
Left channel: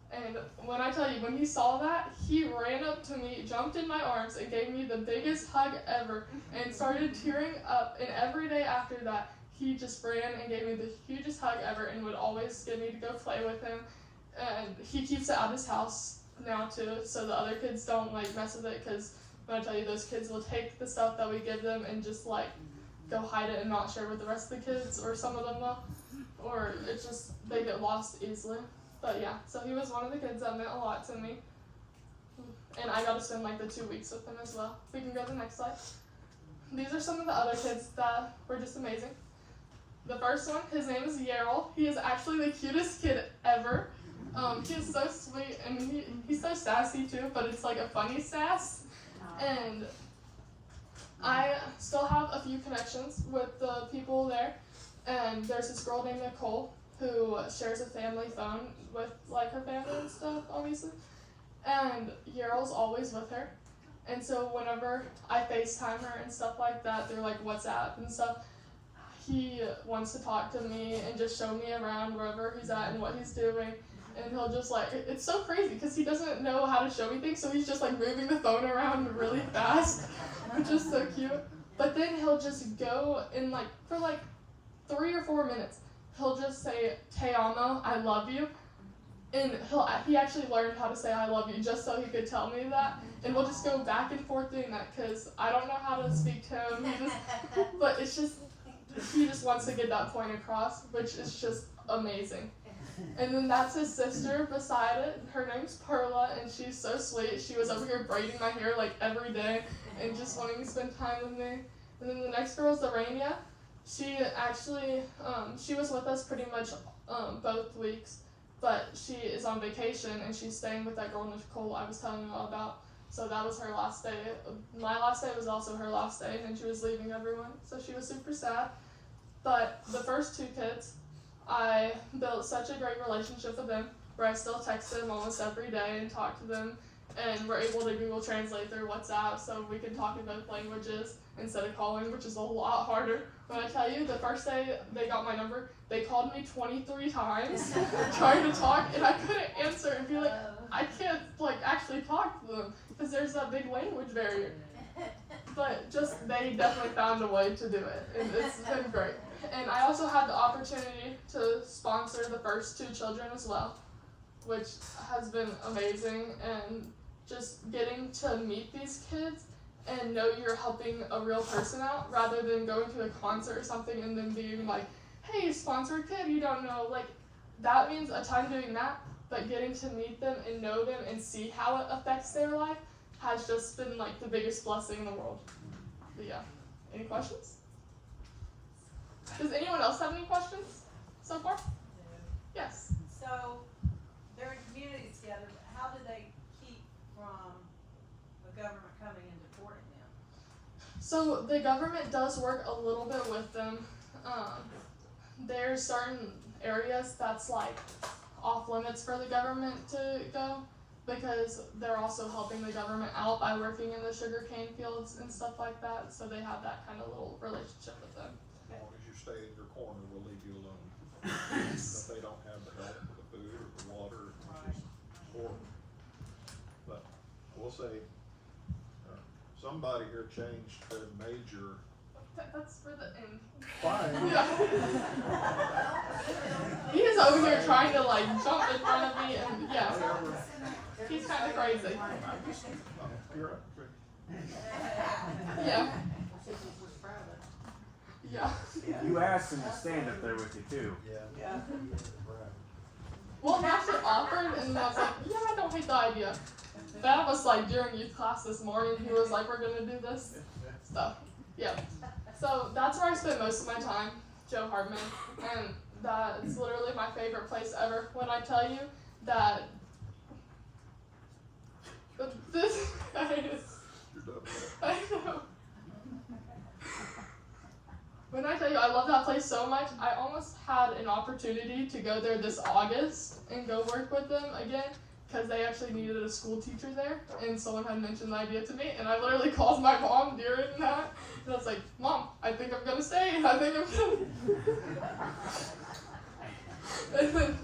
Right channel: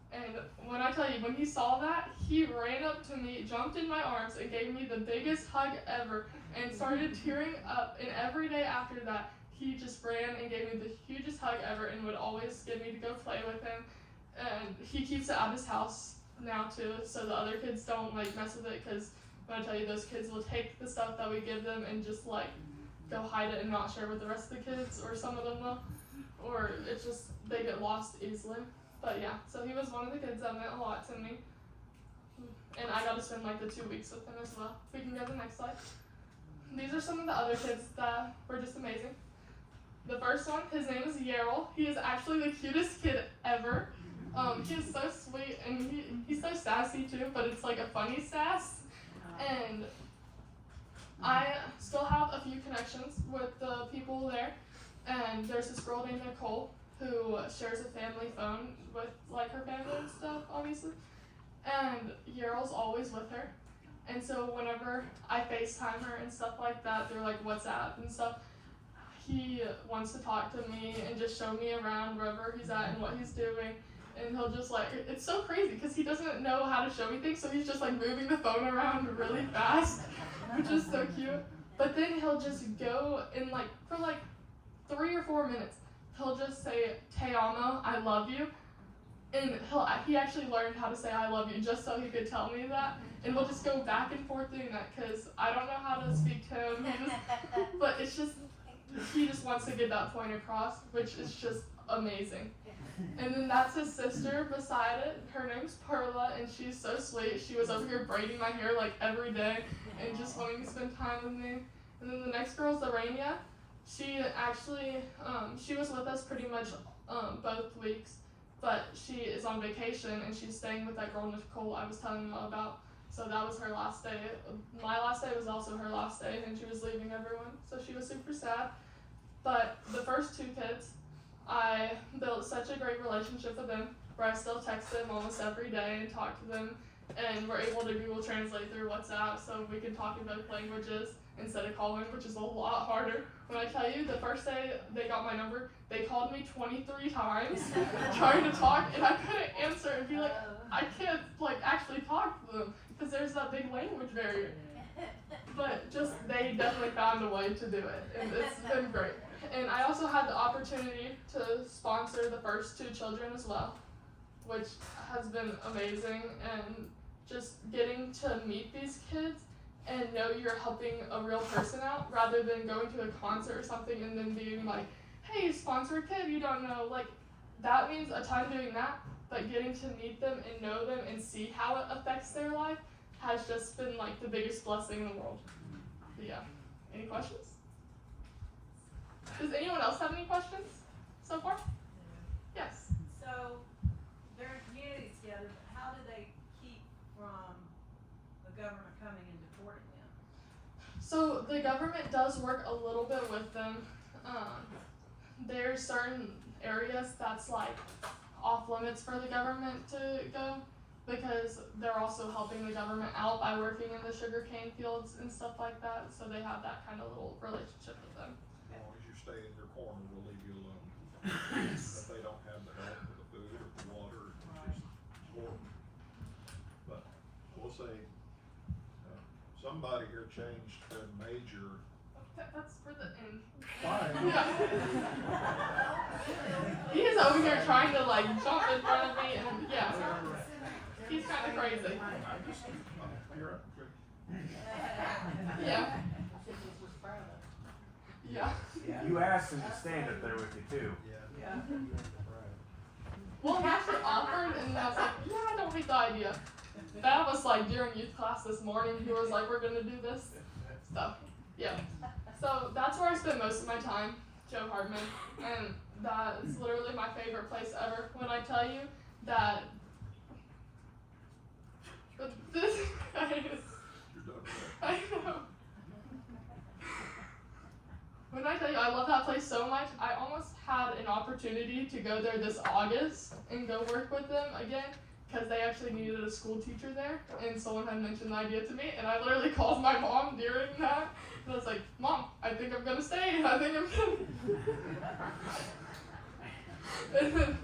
And when I tell you, when he saw that, he ran up to me, jumped in my arms, and gave me the biggest hug ever, and started tearing up. And every day after that, he just ran and gave me the hugest hug ever, and would always get me to go play with him. And he keeps it at his house now too, so the other kids don't mess with it, because when I tell you, those kids will take the stuff that we give them and just go hide it and not share with the rest of the kids, or some of them will, or it's just they get lost easily. But yeah, so he was one of the kids that meant a lot to me, and I got to spend the 2 weeks with him as well. We can go to the next slide. These are some of the other kids that were just amazing. The first one, his name is Yarrell. He is actually the cutest kid ever. He is so sweet, and he's so sassy too, but it's a funny sass. And I still have a few connections with the people there, and there's this girl named Nicole who shares a family phone with her family and stuff, obviously. And Yarrell's always with her. And so whenever I FaceTime her and stuff like that through WhatsApp and stuff, he wants to talk to me and just show me around wherever he's at and what he's doing. And he'll just it's so crazy because he doesn't know how to show me things, so he's just moving the phone around really fast, which is so cute. But then he'll just go and for 3 or 4 minutes, he'll just say, "Te amo, I love you." And he actually learned how to say "I love you" just so he could tell me that. And we'll just go back and forth doing that because I don't know how to speak to him. But it's just, he just wants to get that point across, which is just amazing. And then that's his sister beside it. Her name's Perla, and she's so sweet. She was over here braiding my hair like every day and just wanting to spend time with me. And then the next girl is Lorania. She actually, she was with us pretty much both weeks, but she is on vacation and she's staying with that girl Nicole I was telling you all about. So that was her last day. My last day was also her last day, and she was leaving everyone, so she was super sad. But the first two kids, I built such a great relationship with them, where I still text them almost every day and talk to them, and we're able to Google Translate through WhatsApp so we can talk in both languages instead of calling, which is a lot harder. When I tell you, the first day they got my number, they called me 23 times trying to talk, and I couldn't answer and be like, I can't actually talk to them because there's that big language barrier. But just they definitely found a way to do it, and it's been great. And I also had the opportunity to sponsor the first 2 children as well, which has been amazing, and just getting to meet these kids and know you're helping a real person out rather than going to a concert or something and then being like, hey, sponsor a kid you don't know. Like, that means a ton doing that, but getting to meet them and know them and see how it affects their life has just been like the biggest blessing in the world. But yeah, any questions? Does anyone else have any questions so far? Yes. So, they're in communities together, but how do they keep from the government coming and deporting them? So the government does work a little bit with them. There's certain areas that's like off limits for the government to go, because they're also helping the government out by working in the sugarcane fields and stuff like that. So they have that kind of little relationship with them. As long as you stay in your corner, we'll leave you alone. But they don't have the help with the food or the water, it's just horrible. But I will say, somebody here changed their major. That's for the end. Fine. Yeah. He is over here trying to like jump in front of me, and yeah, he's kind of crazy. You're right. Yeah. Yeah. You asked him to stand up there with you too. Yeah. Well, he actually offered, and I was like, yeah, I don't hate the idea. That was like during youth class this morning. He was like, we're gonna do this stuff. Yeah. So that's where I spend most of my time, Joe Hartman, and that is literally my favorite place ever. When I tell you that this guy is, You're done with I know. When I tell you I love that place so much, I almost had an opportunity to go there this August and go work with them again, because they actually needed a school teacher there, and someone had mentioned the idea to me, and I literally called my mom during that, and I was like, Mom, I think I'm gonna stay, I think I'm gonna. And then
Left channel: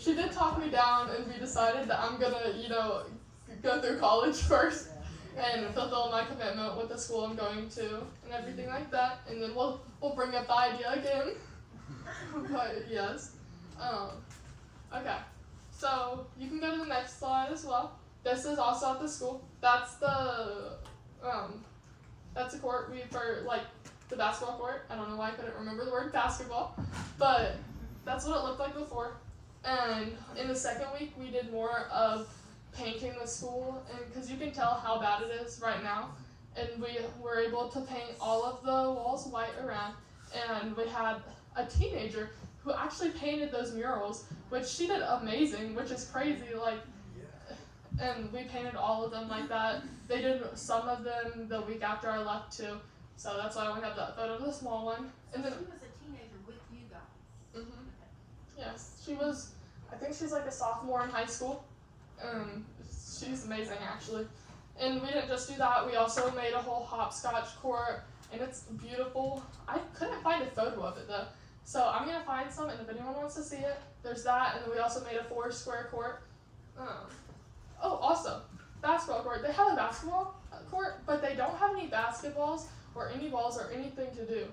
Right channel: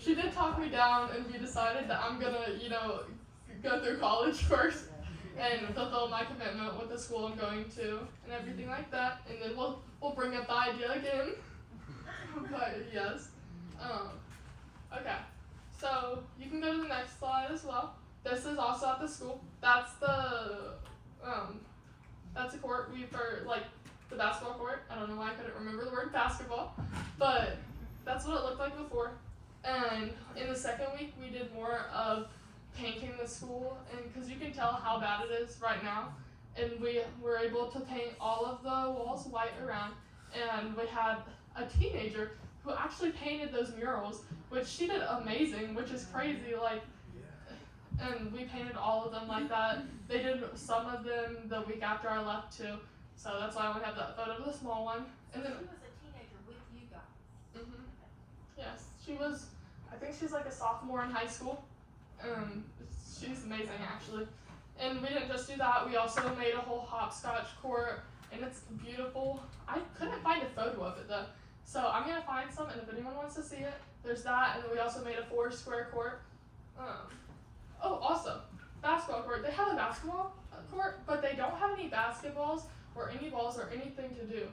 she did talk me down, and we decided that I'm gonna, go through college first and fulfill my commitment with the school I'm going to and everything like that, and then we'll bring up the idea again. But yes. Okay. So you can go to the next slide as well. This is also at the school. That's the court for like the basketball court. I don't know why I couldn't remember the word basketball, but that's what it looked like before. And in the second week, we did more of painting the school, and because you can tell how bad it is right now, and we were able to paint all of the walls white around, and we had a teenager who actually painted those murals, which she did amazing, which is crazy, and we painted all of them like that. They did some of them the week after I left too, so that's why I only have that photo of the small one. And then She was a teenager with you guys. yes, she was, I think she's like a sophomore in high school. She's amazing actually. And we didn't just do that, we also made a whole hopscotch court, and it's beautiful. I couldn't find a photo of it though, so I'm gonna find some, and if anyone wants to see it, there's that. And then we also made a 4-square court. Also, basketball court. They have a basketball court, but they don't have any basketballs or any balls or anything to do.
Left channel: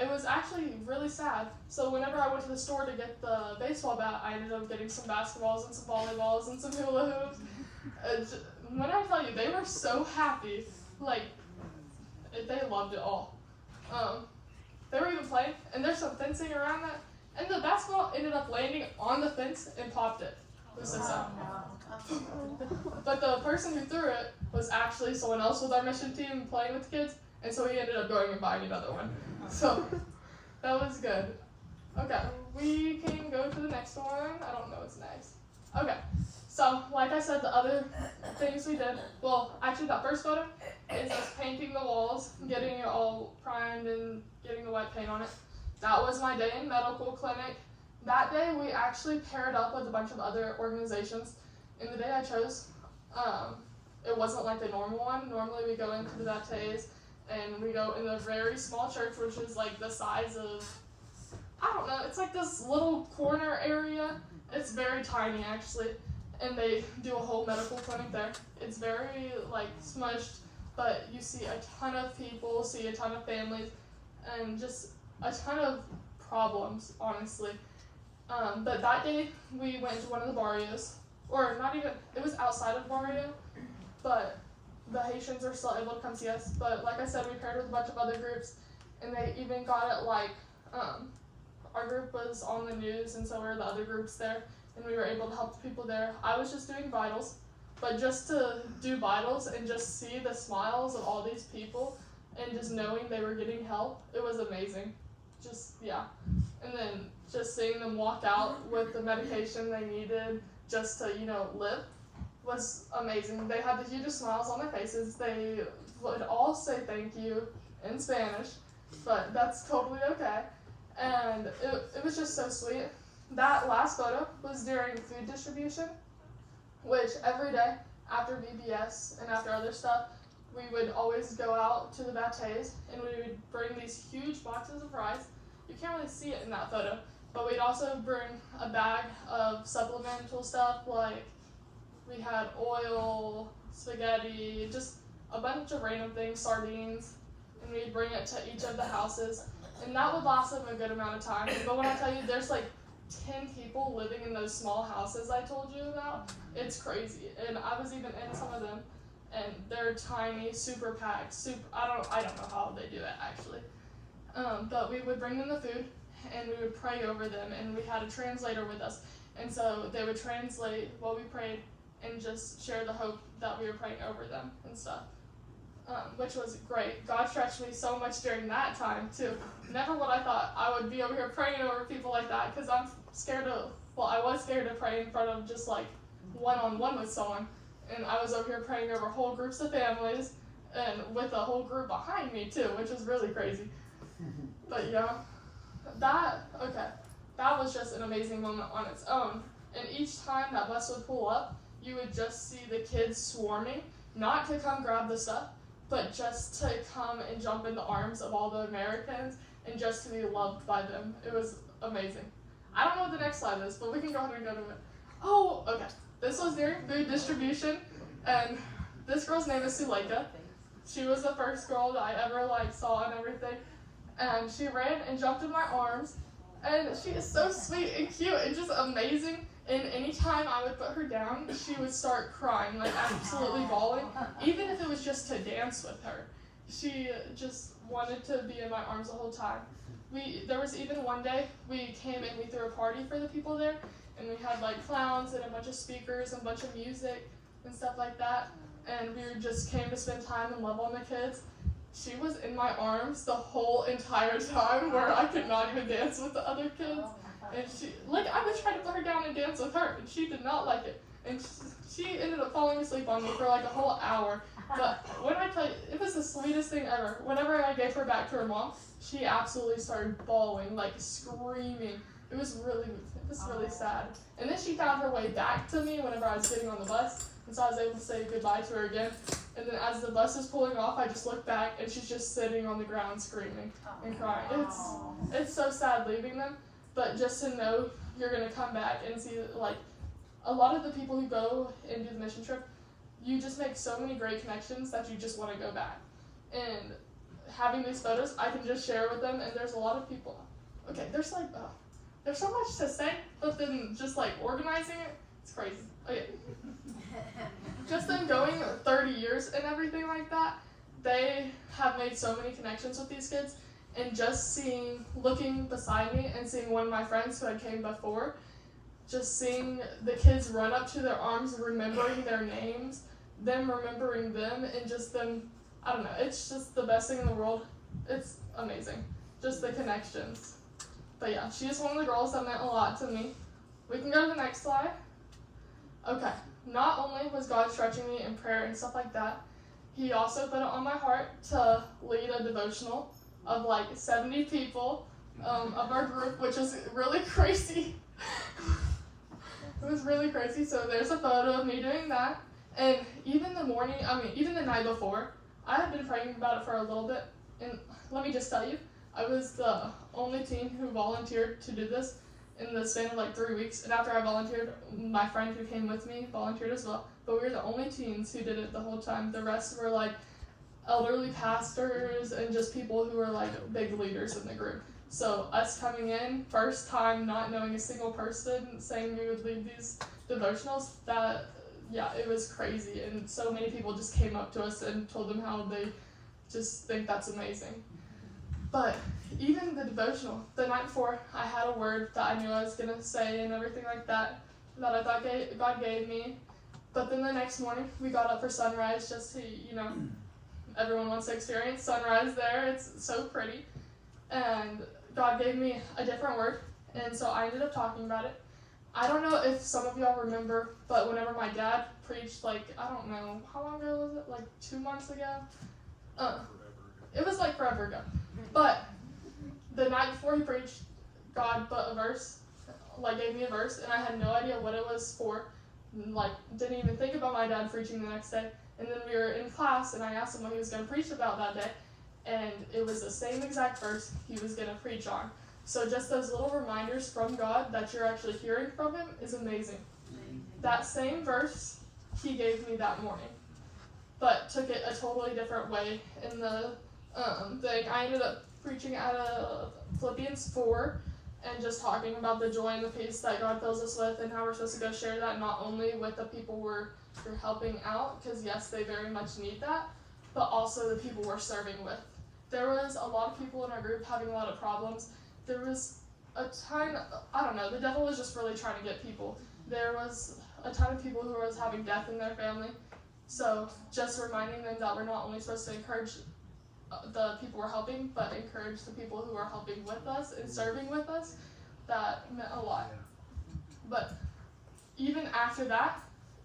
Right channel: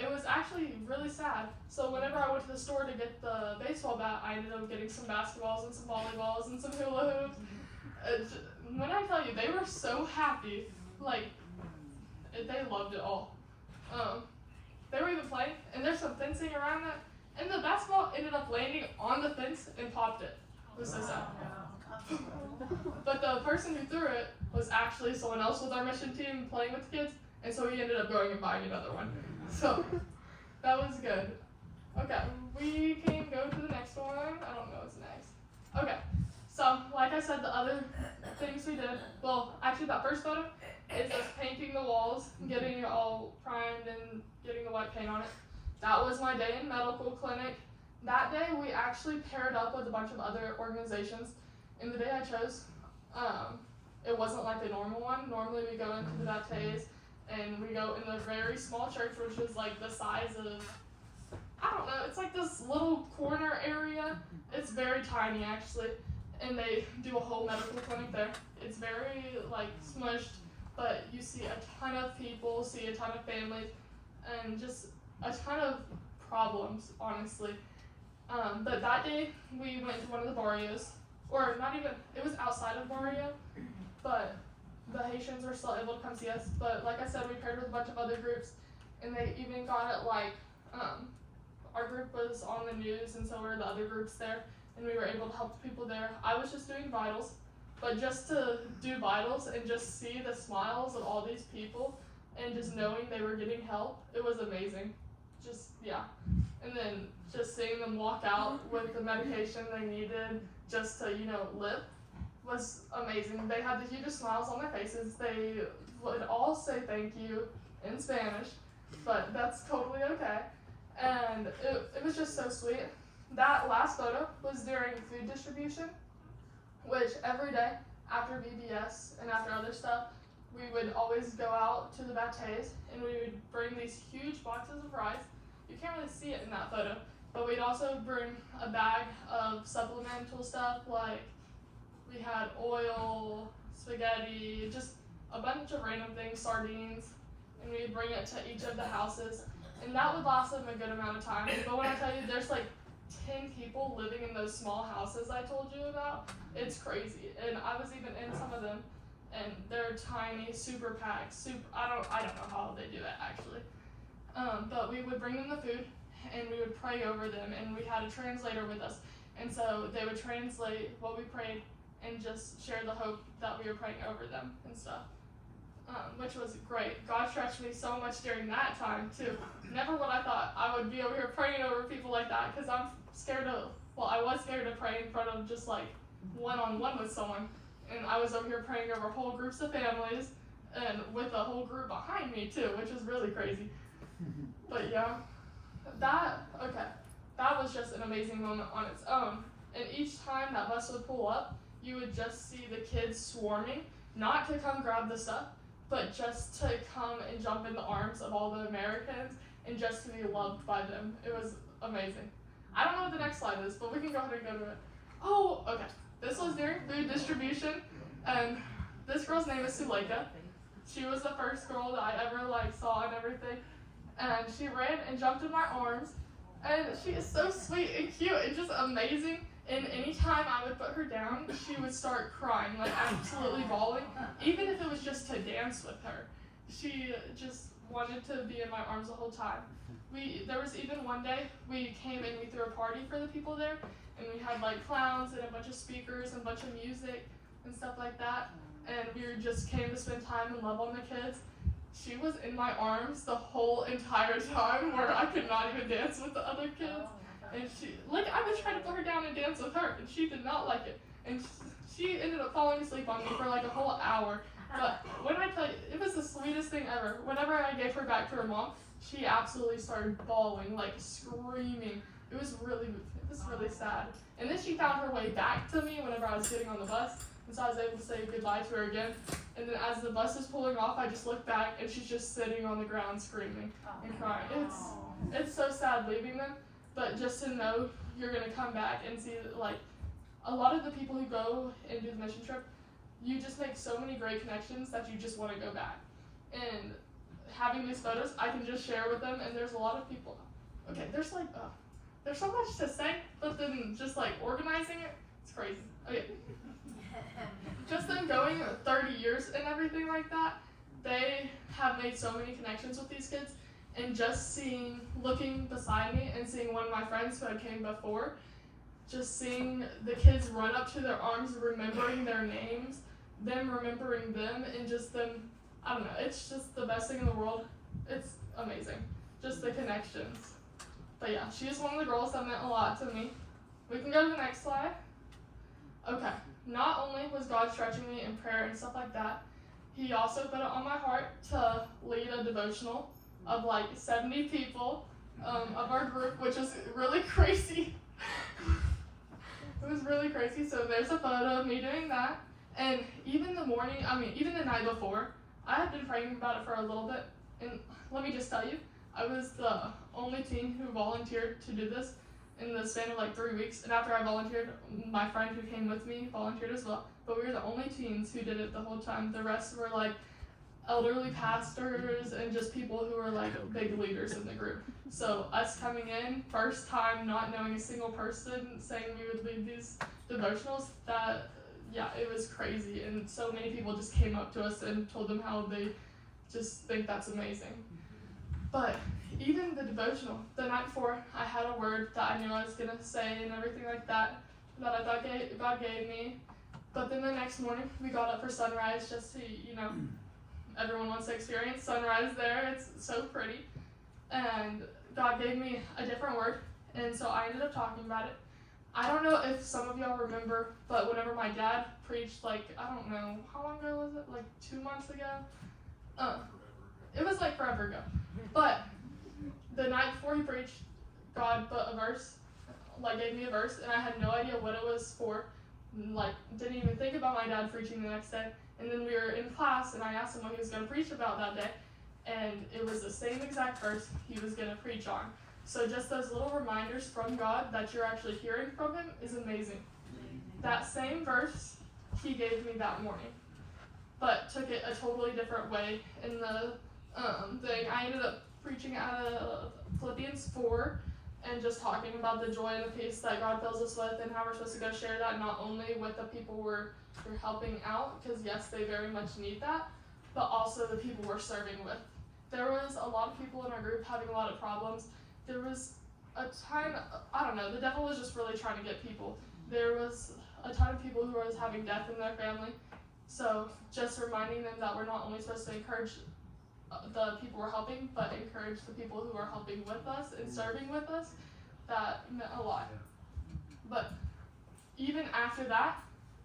It was actually really sad. So whenever I went to the store to get the baseball bat, I ended up getting some basketballs and some volleyballs and some hula hoops. When I tell you, they were so happy. Like, they loved it all. They were even playing, and there's some fencing around that. and the basketball ended up landing on the fence and popped it. It was so sad. But the person who threw it was actually someone else with our mission team playing with the kids, and so he ended up going and buying another one. So that was good. Okay, we can go to the next one. I don't know what's next. Okay, so like I said, the other things we did, well, actually that first photo is us painting the walls, getting it all primed and getting the white paint on it. That was my day in medical clinic. That day we actually paired up with a bunch of other organizations. In the day I chose, it wasn't like a normal one. Normally we go into the Baptiste and we go in a very small church, which is like the size of, I don't know, it's like this little corner area. It's very tiny actually, and they do a whole medical clinic there. It's very like smushed, but you see a ton of people, see a ton of families, and just a ton of problems, honestly. But that day we went to one of the barrios, or not even, it was outside of barrio, but the Haitians were still able to come see us. But like I said, we paired with a bunch of other groups, and they even got it like, our group was on the news, and so were the other groups there, and we were able to help the people there. I was just doing vitals, but just to do vitals and just see the smiles of all these people, and just knowing they were getting help, it was amazing. Just, yeah. And then just seeing them walk out with the medication they needed just to, live was amazing. They had the hugest smiles on their faces. They would all say thank you in Spanish, but that's totally okay. And it was just so sweet. That last photo was during food distribution, which every day after VBS and after other stuff, we would always go out to the Baptiste and we would bring these huge boxes of rice. You can't really see it in that photo, but we'd also bring a bag of supplemental stuff, like we had oil, spaghetti, just a bunch of random things, sardines, and we'd bring it to each of the houses. And that would last them a good amount of time. But when I tell you there's like 10 people living in those small houses I told you about, it's crazy. And I was even in some of them, and they're tiny, super packed, I don't know how they do it actually. But we would bring them the food, and we would pray over them, and we had a translator with us. And so they would translate what we prayed and just share the hope that we were praying over them and stuff. Which was great. God stretched me so much during that time too. Never would I thought I would be over here praying over people like that, because I was scared to pray in front of just like one-on-one with someone. And I was over here praying over whole groups of families and with a whole group behind me too, which was really crazy. But yeah, that was just an amazing moment on its own. And each time that bus would pull up, you would just see the kids swarming, not to come grab the stuff, but just to come and jump in the arms of all the Americans and just to be loved by them. It was amazing. I don't know what the next slide is, but we can go ahead and go to it. Oh, okay. This was during food distribution, and this girl's name is Suleika. She was the first girl that I ever saw and everything, and she ran and jumped in my arms, and she is so sweet and cute and just amazing. And anytime I would put her down, she would start crying, absolutely bawling, even if it was just to dance with her. She just wanted to be in my arms the whole time. There was even one day we came and we threw a party for the people there, and we had clowns and a bunch of speakers and a bunch of music and stuff like that, and we just came to spend time and love on the kids. She was in my arms the whole entire time, where I could not even dance with the other kids. And I would try to put her down and dance with her, and she did not like it. And she ended up falling asleep on me for a whole hour. But when I tell you, it was the sweetest thing ever. Whenever I gave her back to her mom, she absolutely started bawling, screaming. It was really sad. And then she found her way back to me whenever I was getting on the bus, and so I was able to say goodbye to her again. And then as the bus was pulling off, I just looked back, and she's just sitting on the ground screaming and crying. It's so sad leaving them. But just to know you're going to come back and see, a lot of the people who go and do the mission trip, you just make so many great connections that you just want to go back. And having these photos, I can just share with them, and there's a lot of people. Okay, there's so much to say, but then just organizing it, it's crazy. Okay. Just them going 30 years and everything like that, they have made so many connections with these kids. and just looking beside me and seeing one of my friends who had came before, just seeing the kids run up to their arms, remembering their names, them remembering them, and just them, I don't know, it's just the best thing in the world. It's amazing. Just the connections. But yeah, she is one of the girls that meant a lot to me. We can go to the next slide. Okay, not only was God stretching me in prayer and stuff like that, He also put it on my heart to lead a devotional of like 70 people of our group, which is really crazy. It was really crazy. So there's a photo of me doing that. And even the night before, I had been praying about it for a little bit. And let me just tell you, I was the only teen who volunteered to do this in the span of like 3 weeks. And after I volunteered, my friend who came with me volunteered as well. But we were the only teens who did it the whole time. The rest were like elderly pastors and just people who were like big leaders in the group. So us coming in, first time, not knowing a single person, saying we would lead these devotionals, it was crazy. And so many people just came up to us and told them how they just think that's amazing. But even the devotional, the night before, I had a word that I knew I was going to say and everything like that I thought God gave me. But then the next morning, we got up for sunrise just to, everyone wants to experience sunrise there. It's so pretty. And God gave me a different word, and so I ended up talking about it. I don't know if some of y'all remember, but whenever my dad preached, I don't know, how long ago was it? Like 2 months ago? It was like forever ago. But the night before he preached, God put a verse, gave me a verse, and I had no idea what it was for. Didn't even think about my dad preaching the next day. And then we were in class, and I asked him what he was going to preach about that day. And it was the same exact verse he was going to preach on. So just those little reminders from God that you're actually hearing from Him is amazing. That same verse He gave me that morning, but took it a totally different way in the thing. I ended up preaching out of Philippians 4 and just talking about the joy and the peace that God fills us with and how we're supposed to go share that not only with the people we're helping out, because yes, they very much need that, but also the people we're serving with. There was a lot of people in our group having a lot of problems. There was a ton, I don't know, the devil was just really trying to get people. There was a ton of people who was having death in their family. So just reminding them that we're not only supposed to encourage the people we're helping, but encourage the people who are helping with us and serving with us, that meant a lot. But even after that,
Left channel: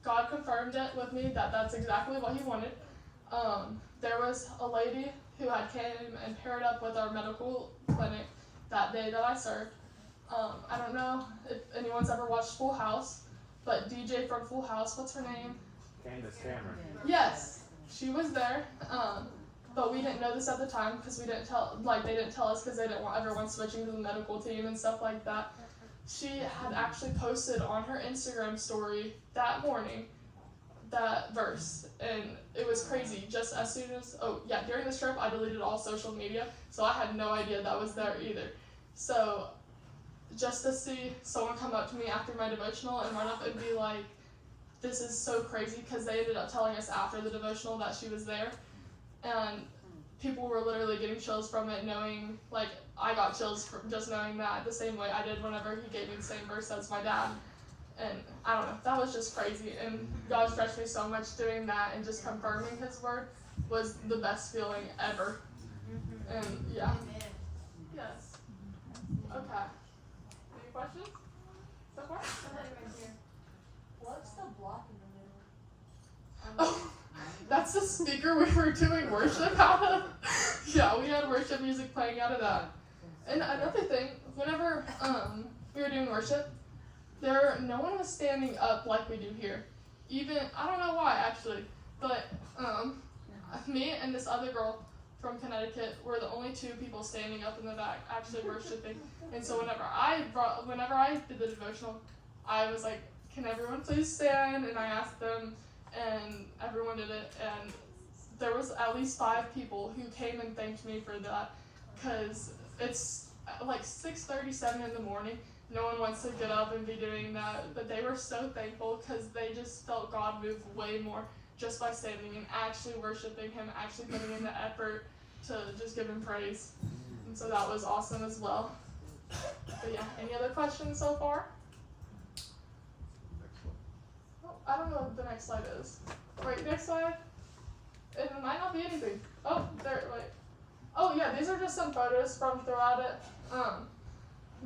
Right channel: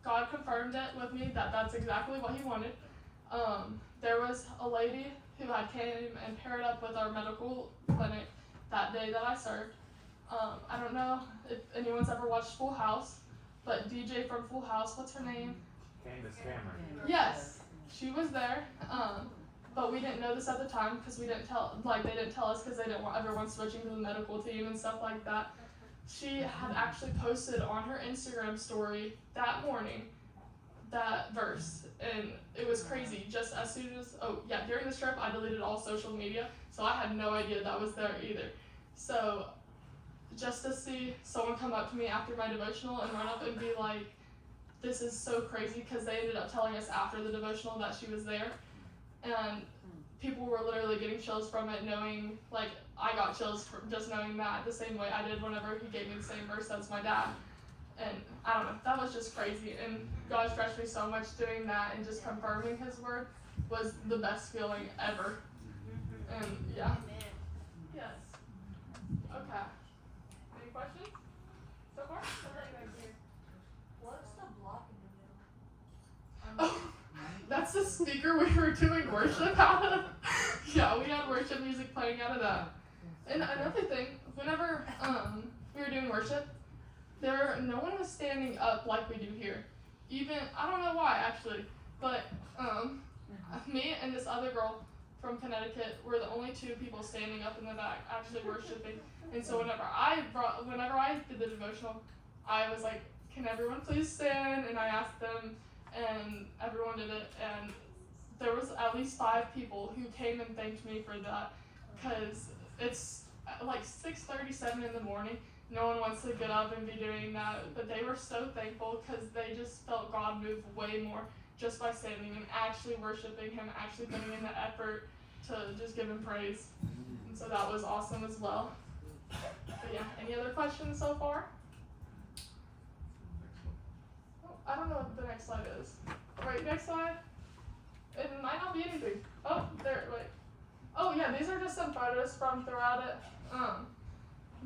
God confirmed it with me that that's exactly what He wanted. There was a lady who had came and paired up with our medical clinic that day that I served. I don't know if anyone's ever watched Full House, but DJ from Full House, what's her name? Candace Cameron. Yes, she was there. But we didn't know this at the time because they didn't tell us because they didn't want everyone switching to the medical team and stuff like that. She had actually posted on her Instagram story that morning that verse, and it was crazy. Just as soon as, during this trip, I deleted all social media, so I had no idea that was there either. So just to see someone come up to me after my devotional and run up and be like, this is so crazy, because they ended up telling us after the devotional that she was there, and people were literally getting chills from it, knowing, I got chills from just knowing that the same way I did whenever he gave me the same verse as my dad. And I don't know, that was just crazy. And God stretched me so much doing that, and just confirming His word was the best feeling ever. And yeah. Yes. Okay. Any questions so far? What's the block in the middle? Oh, that's the speaker we were doing worship out of. Yeah, we had worship music playing out of that. And another thing, whenever we were doing worship, no one was standing up like we do here. Even, I don't know why actually, but me and this other girl from Connecticut were the only two people standing up in the back actually worshiping. And so whenever I did the devotional, I was like, can everyone please stand? And I asked them, and everyone did it. And there was at least 5 people who came and thanked me for that, because it's like 6:37 in the morning. No one wants to get up and be doing that, but they were so thankful because they just felt God move way more just by standing and actually worshiping Him, actually putting in the effort to just give Him praise. And And so that was awesome as well. But yeah, any other questions so far? Excellent. Oh, I don't know what the next slide is. Right, next slide. It might not be anything. Oh, there, wait. Oh yeah, these are just some photos from throughout it.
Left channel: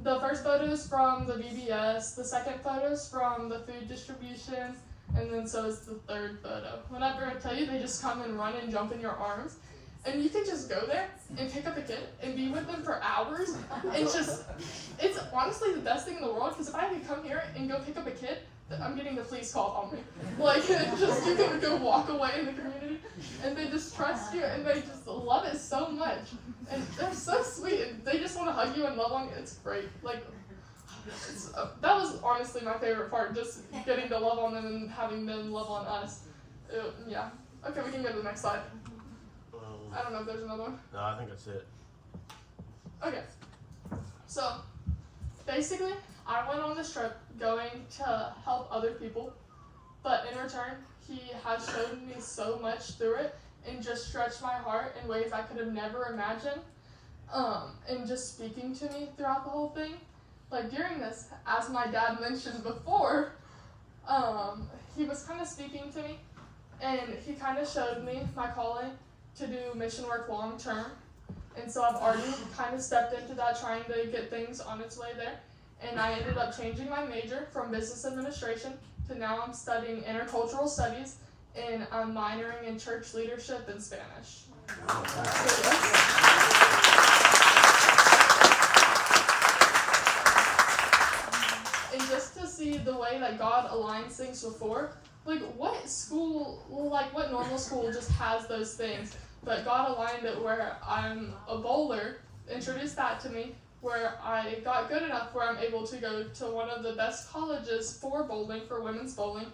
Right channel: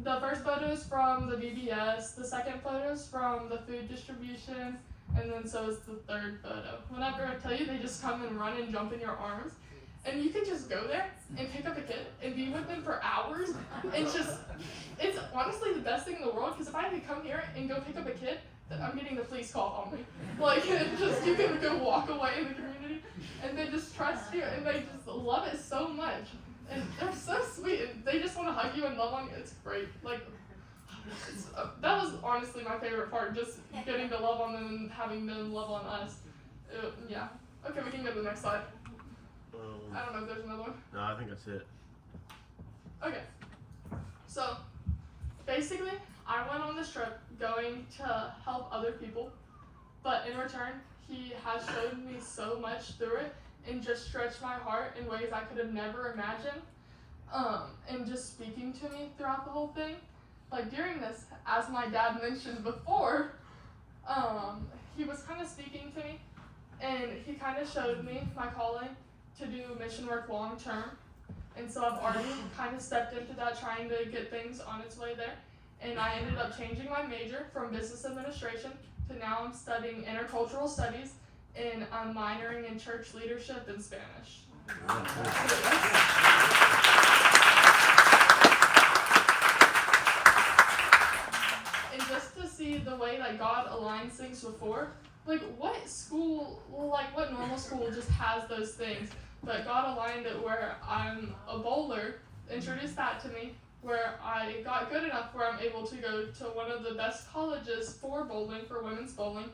The first photo is from the BBS, the second photo is from the food distribution, and then so is the third photo. Whenever I tell you, they just come and run and jump in your arms. And you can just go there and pick up a kid and be with them for hours. And just, it's honestly the best thing in the world, because if I had to come here and go pick up a kid, I'm getting the police called on me. Like, just you can go walk away in the community, and they just trust you, and they just love it so much. And they're so sweet, and they just want to hug you and love on you. It's great. Like, that was honestly my favorite part, just getting to love on them and having them love on us. Yeah. Okay, we can go to the next slide. I don't know if there's another one. No, I think that's it. Okay. So, basically, I went on this trip going to help other people, but in return, he has showed me so much through it and just stretched my heart in ways I could have never imagined. And just speaking to me throughout the whole thing. Like during this, as my dad mentioned before, he was kind of speaking to me, and he kind of showed me my calling to do mission work long term. And so I've already kind of stepped into that, trying to get things on its way there. And I ended up changing my major from business administration to now I'm studying intercultural studies, and I'm minoring in church leadership and Spanish. So, yes. And just to see the way that God aligns things before, like what school, like what normal school just has those things, but God aligned it where I'm a bowler, introduced that to me, where I got good enough where I'm able to go to one of the best colleges for bowling, for women's bowling,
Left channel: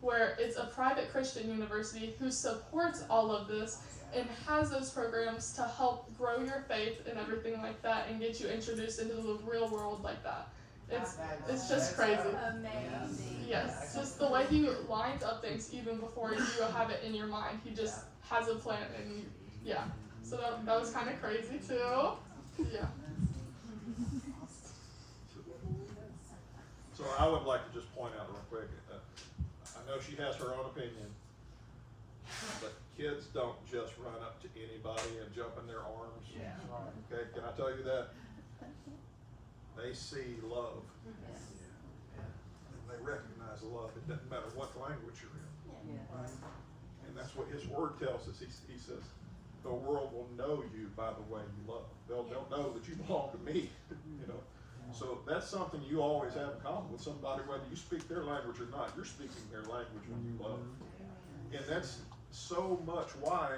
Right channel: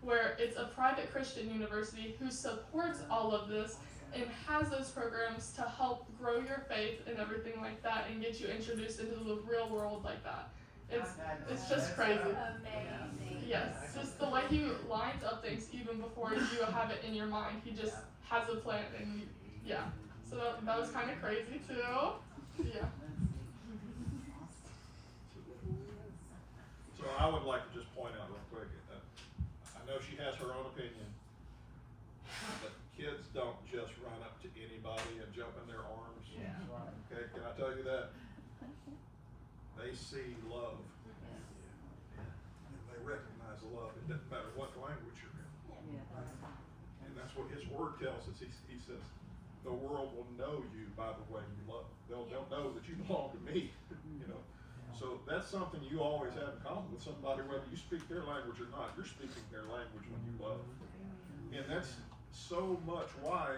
where it's a private Christian university who supports all of this and has those programs to help grow your faith and everything like that and get you introduced into the real world like that. It's just crazy. Amazing. Yes, just the way he lines up things even before you have it in your mind. He just has a plan, and yeah. So that was kind of crazy too. Yeah. So I would like to just point out real quick, I know she has her own opinion, but kids don't just run up to anybody and jump in their arms. Yeah. Okay, can I tell you that? They see love. And they recognize the love. It doesn't matter what language you're in. And that's what his word tells us. He says, the world will know you by the way you love. They'll know that you belong to me, you know. So that's something you always have in common with somebody, whether you speak their language or not. You're speaking their language when you love. And that's so much why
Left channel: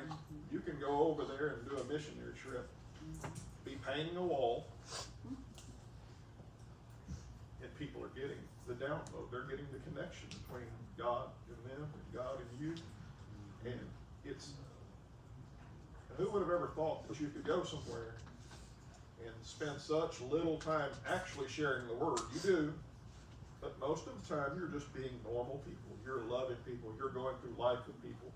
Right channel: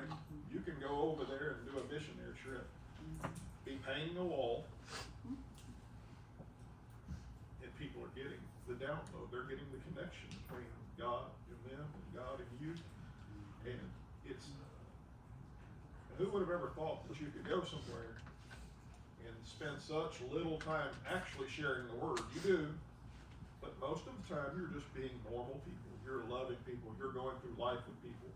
you can go over there and do a missionary trip, be painting a wall, and people are getting the download. They're getting the connection between God and them and God and you. And it's, who would have ever thought that you could go somewhere and spend such little time actually sharing the word? You do, but most of the time you're just being normal people. You're loving people. You're going through life with people.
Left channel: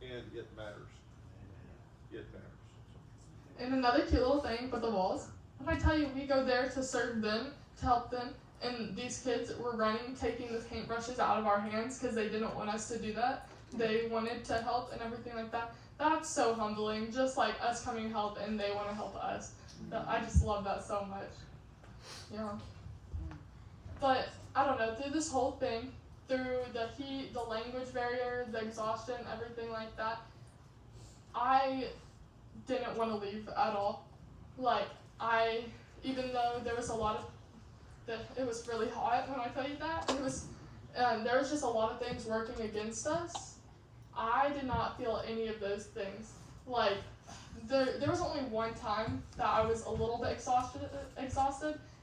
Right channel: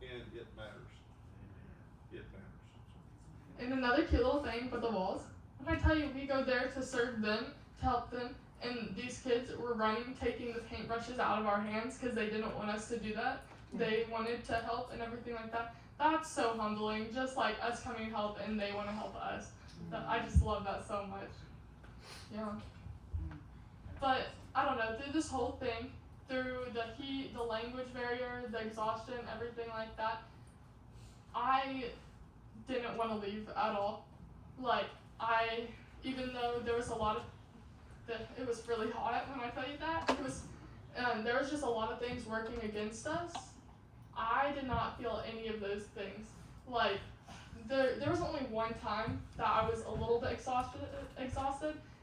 And it matters. It matters. And another cute little thing with the walls. If I tell you, we go there to serve them, to help them, and these kids were running, taking the paintbrushes out of our hands because they didn't want us to do that. They wanted to help and everything like that. That's so humbling, just like us coming to help and they want to help us. I just love that so much. Yeah. But, I don't know, through this whole thing, through the heat, the language barrier, the exhaustion, everything like that, I didn't want to leave at all. Like, even though there was a lot of, it was really hot when I tell you that, there was just a lot of things working against us. I did not feel any of those things. Like, there was only one time that I was a little bit exhausted,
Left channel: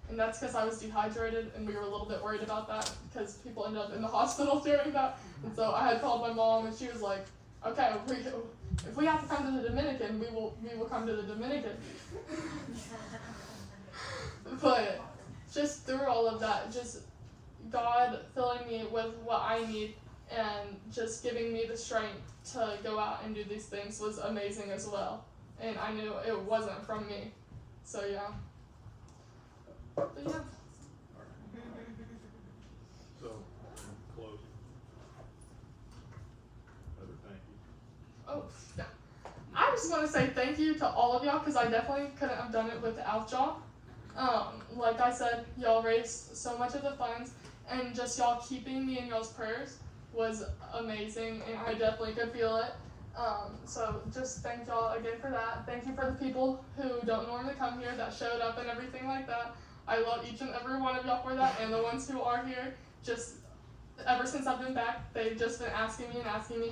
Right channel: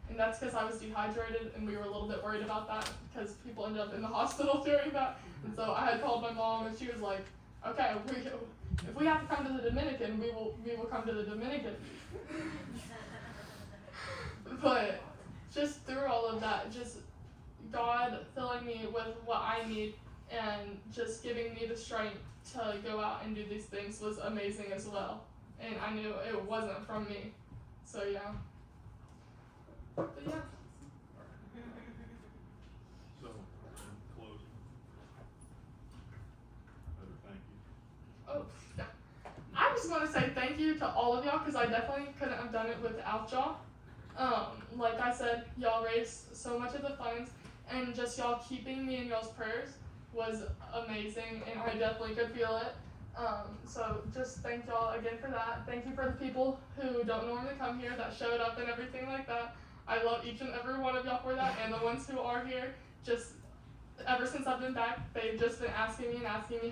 and that's because I was dehydrated, and we were a little bit worried about that because people ended up in the hospital during that. And so I had called my mom, and she was like, "Okay, if we have to come to the Dominican, we will come to the Dominican." But just through all of that, just God filling me with what I need and just giving me the strength to go out and do these things was amazing as well. And I knew it wasn't from me. So yeah. But yeah. So, closing. Another thank you. Oh, yeah. I just want to say thank you to all of y'all because I definitely couldn't have done it without y'all. Like I said, y'all raised so much of the funds, and just y'all keeping me in y'all's prayers was amazing, and I definitely could feel it. So just thank y'all again for that. Thank you for the people who don't normally come here that showed up and everything like that. I love each and every one of y'all for that, and the ones who are here, just ever since I've been back, they've just been asking me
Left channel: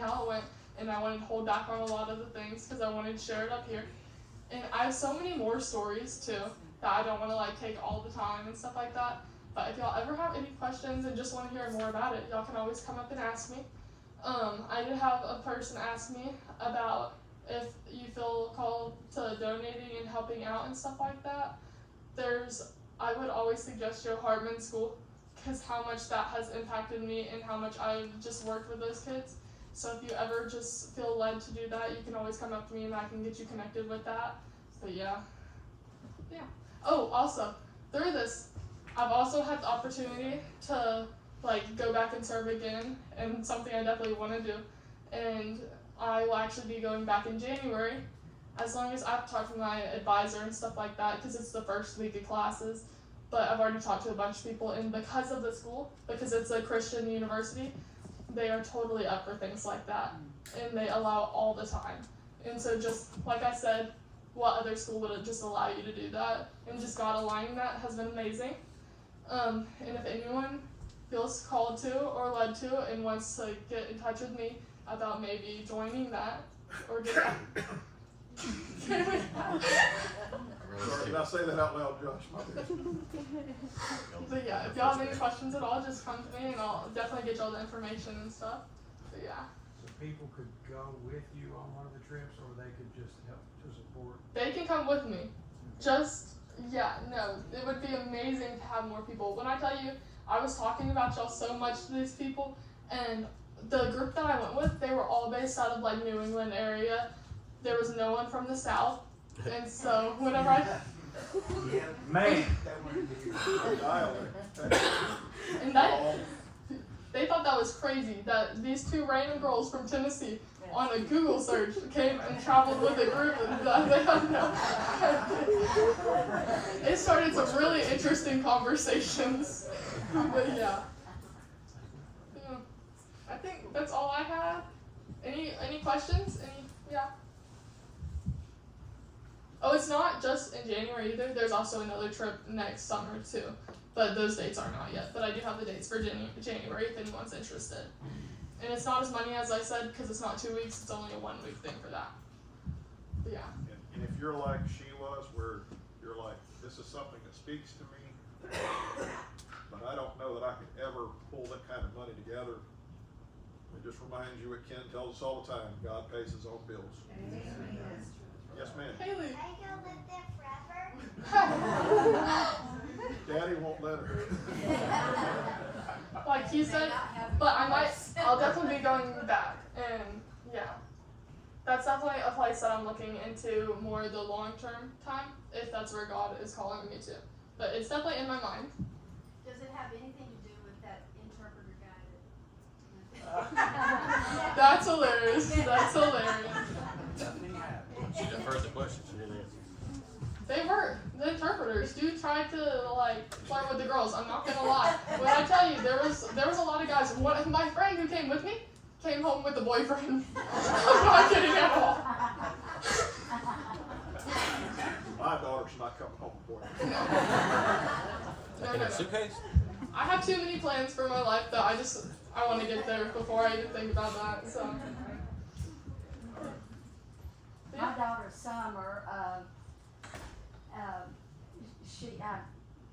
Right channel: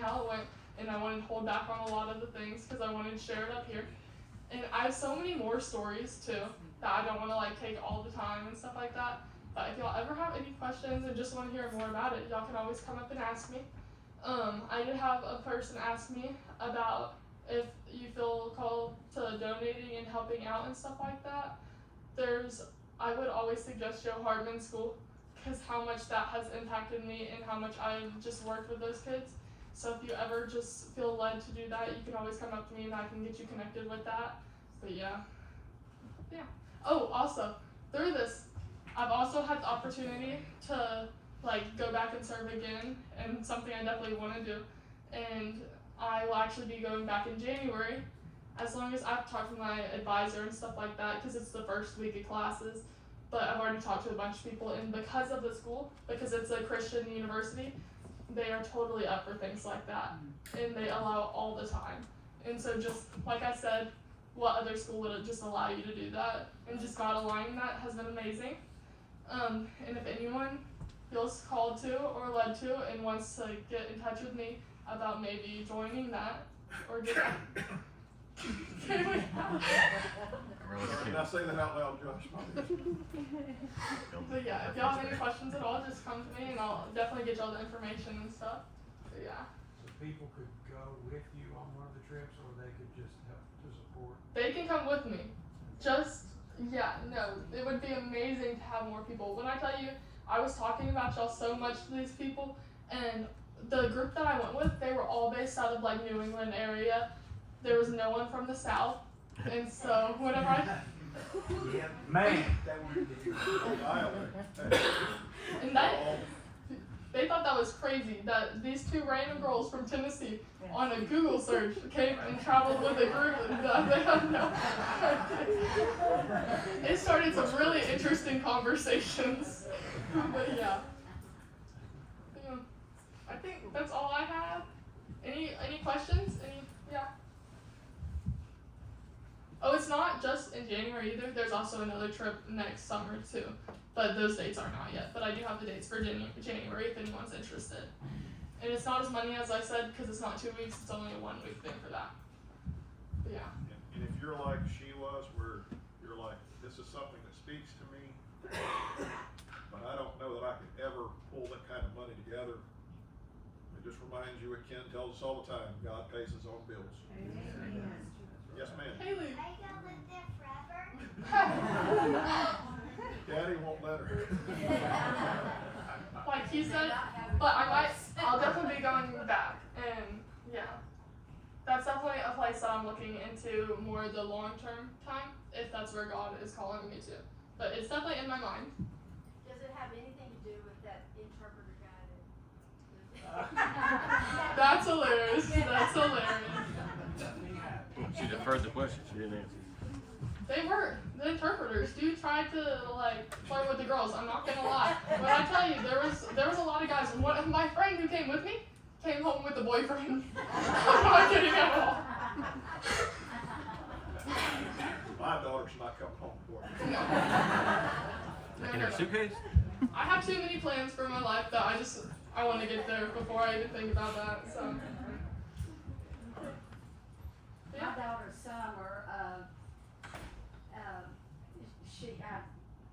how it went, and I wanted to hold back on a lot of the things because I wanted to share it up here. And I have so many more stories too that I don't want to like take all the time and stuff like that. But if y'all ever have any questions and just want to hear more about it, y'all can always come up and ask me. I did have a person ask me about if you feel called to donating and helping out and stuff like that. I would always suggest Joe Hartman School because how much that has impacted me and how much I've just worked with those kids. So if you ever just feel led to do that, you can always come up to me and I can get you connected with that. But yeah. Oh, also, through this, I've also had the opportunity to like go back and serve again, and something I definitely want to do. And I will actually be going back in January, as long as I've talked to my advisor and stuff like that, because it's the first week of classes. But I've already talked to a bunch of people, and because of the school, because it's a Christian university, they are totally up for things like that, and they allow it all the time. And so just like I said, what other school would just allow you to do that? And just God aligning that has been amazing. And if anyone feels called to or led to and wants to get in touch with me about maybe joining that or get that. Sorry, did I say that out loud, Josh? But yeah, if y'all have any questions at all, just come to me and I'll definitely get y'all the information and stuff. But yeah. So people could go with you on one of the trips, or they could just help to support? They can come with me. It would be amazing to have more people. When I tell you, I was talking about y'all so much to these people, and the group that I went with, they were all based out of like New England area. There was no one from the South, and so whenever Man, and they thought that was crazy that these two random girls from Tennessee on a Google search came and traveled with a group that they had no. It started some really interesting conversations. But yeah. I think that's all I had. Any questions? Yeah. Oh, it's not just in January either. There's also another trip next summer too. But those dates aren't out yet. But I do have the dates for January if anyone's interested. And it's not as money as I said because it's not 2 weeks. It's only a 1 week thing for that. But yeah. And if you're like she was, where you're like, this is something that speaks to me, but I don't know that I could ever pull that kind of money together. It just reminds you what Ken tells us all the time: God pays his own bills. Yes, ma'am. Haley. Are you gonna live there forever? Daddy won't let her. Like he said, but I'll definitely be going back, and yeah, that's definitely a place that I'm looking into more the long-term time, if that's where God is calling me to. But it's definitely in my mind. Does it have anything to do with that interpreter guy That's hilarious. That's hilarious. She deferred the question. She didn't answer. They were the interpreters. Dude tried to like flirt with the girls. I'm not gonna lie. When I tell you, there was a lot of guys. My friend who came with me came home with a boyfriend. I'm not kidding at all. My daughter's not coming home before. Like in her suitcase? I have too many plans for my life that I want to get there before I even think about that. So. My daughter Summer, I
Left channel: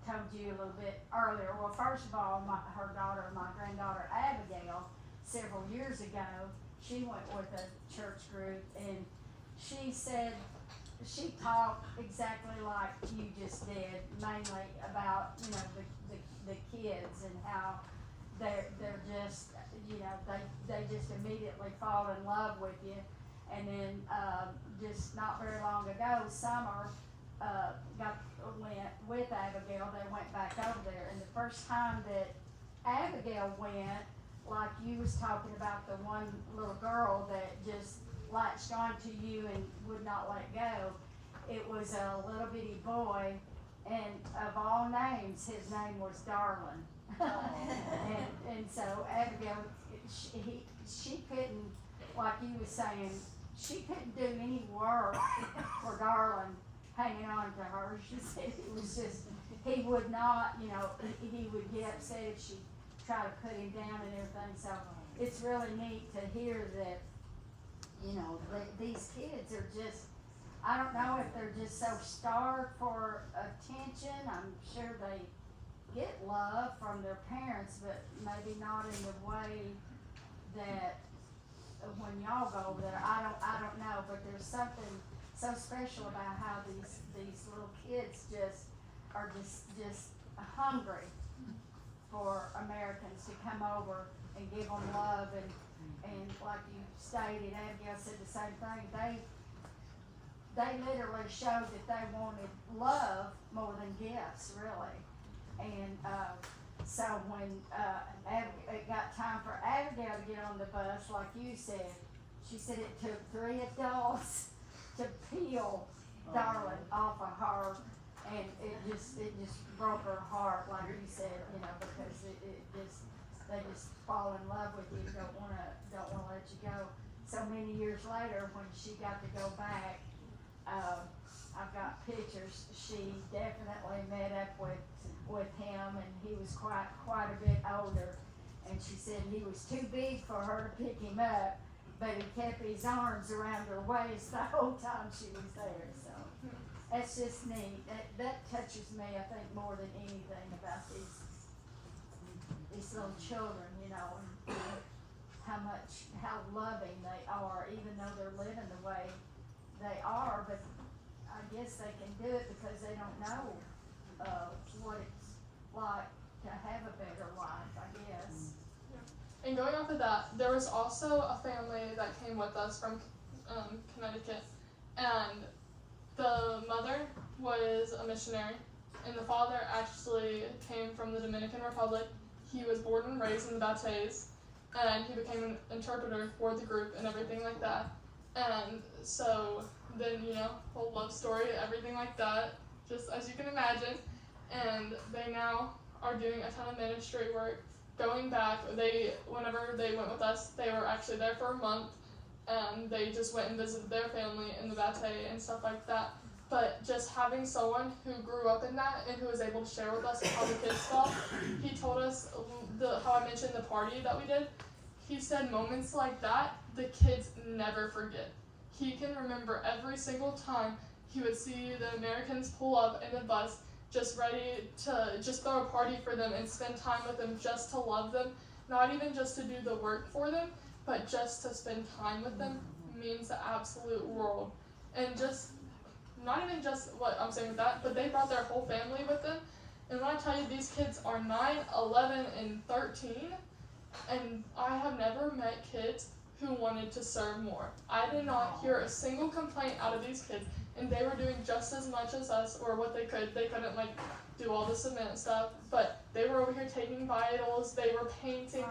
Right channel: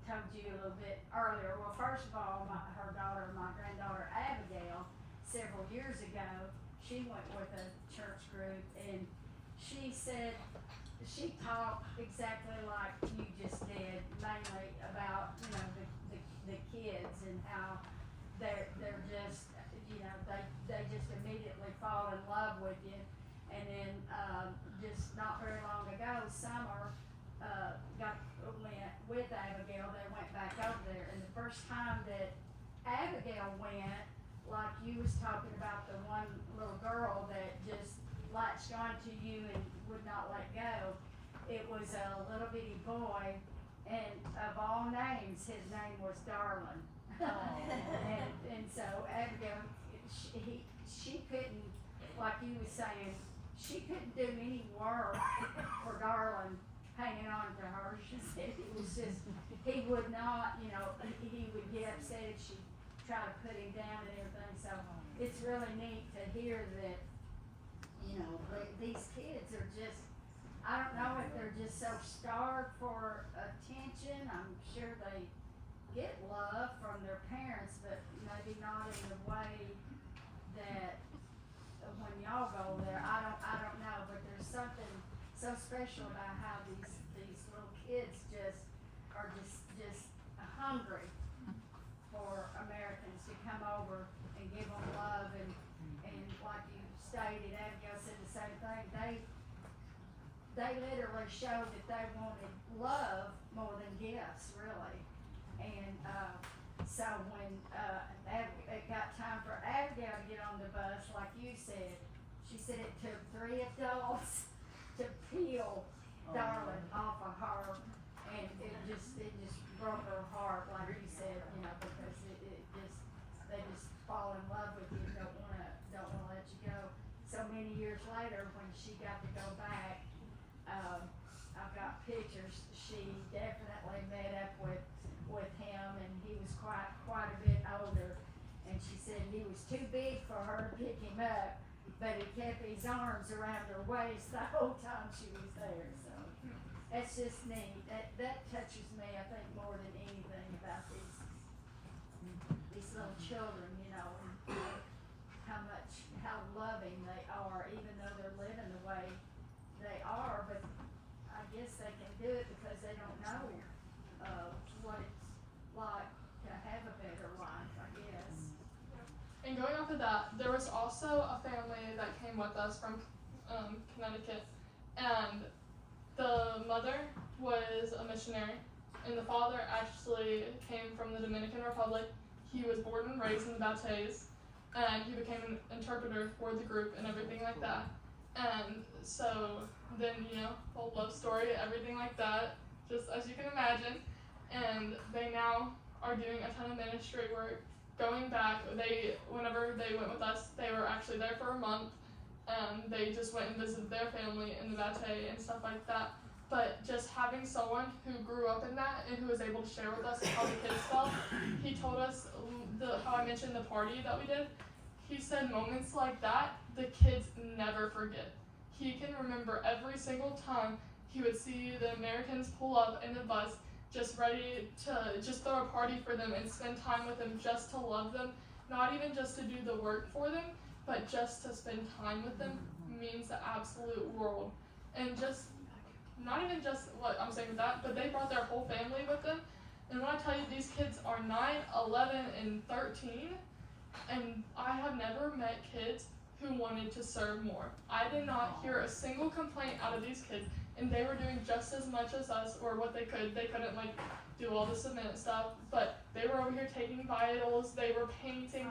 told you a little bit earlier. Well, first of all, her daughter, my granddaughter Abigail, several years ago, she went with a church group, and she said she talked exactly like you just did, mainly about the kids and how they're just they just immediately fall in love with you. And then just not very long ago, Summer went with Abigail, they went back over there, and the first time that Abigail went, like you was talking about the one little girl that just latched onto you and would not let go, it was a little bitty boy, and of all names, his name was Darlin. and so Abigail, she couldn't, like you was saying, she couldn't do any work for Darlin hanging on to her. She said it was just, he would not, you know, he would get upset if she tried to put him down and everything. So it's really neat to hear that, you know, these kids are just, I don't know if they're just so starved for attention. I'm sure they get love from their parents, but maybe not in the way that when y'all go there, I don't know, but there's something so special about how these little kids are just hungry for Americans to come over and give them love, and like you stated, Abigail said the same thing, they literally showed that they wanted love more than gifts, really. And so when it got time for Abigail to get on the bus, like you said, she said it took 3 adults to peel Darlin off of her, and it just broke her heart, like you said, you know, because they just fall in love with you, don't wanna let you go. So many years later, when she got to go back, I've got pictures. She definitely met up with him, and he was quite a bit older. And she said he was too big for her to pick him up, but he kept his arms around her waist the whole time she was there. So that's just neat. That touches me, I think, more than anything about these little children, you know, and how loving they are, even though they're living the way they are. But I guess they can do it because they don't know what it's like to have a better life, I guess. And going off of that, there was also a family that came with us from Connecticut, and the mother was a missionary, and the father actually came from the Dominican Republic. He was born and raised in the Baptistes, and he became an interpreter for the group and everything like that. And so then, you know, whole love story, everything like that, just as you can imagine. And they now are doing a ton of ministry work. Going back, whenever they went with us, they were actually there for a month, and they just went and visited their family in the Bate and stuff like that. But just having someone who grew up in that and who was able to share with us how the kids felt, he told us how I mentioned the party that we did. He said moments like that, the kids never forget. He can remember every single time he would see the Americans pull up in the bus, just ready to just throw a party for them and spend time with them, just to love them, not even just to do the work for them, but just to spend time with them means the absolute world. And just, not even just what I'm saying with that, but they brought their whole family with them. And when I tell you, these kids are 9, 11, and 13, and I have never met kids who wanted to serve more. I did not hear a single complaint out of these kids, and they were doing just as much as us, or what they could. They couldn't do all the cement stuff, but they were over here taking vitals, they were painting.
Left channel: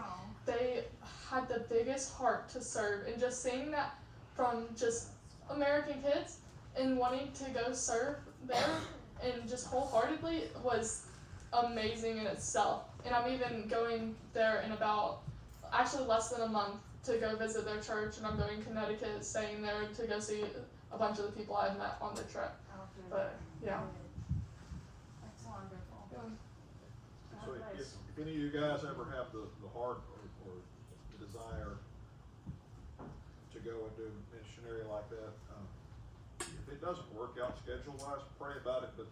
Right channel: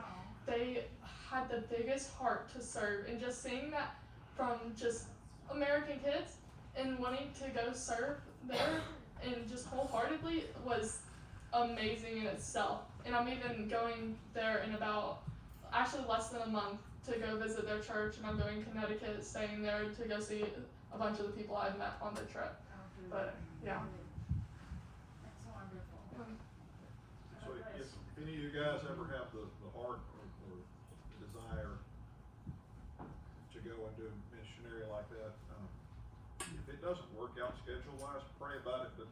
They had the biggest heart to serve, and just seeing that from just American kids and wanting to go serve there and just wholeheartedly was amazing in itself. And I'm even going there in about actually less than a month to go visit their church, and I'm going to Connecticut, staying there to go see a bunch of the people I've met on the trip. But yeah. That's wonderful. So if any of you guys ever have the heart or the desire to go and do missionary like that, if it doesn't work out schedule-wise, pray about it. But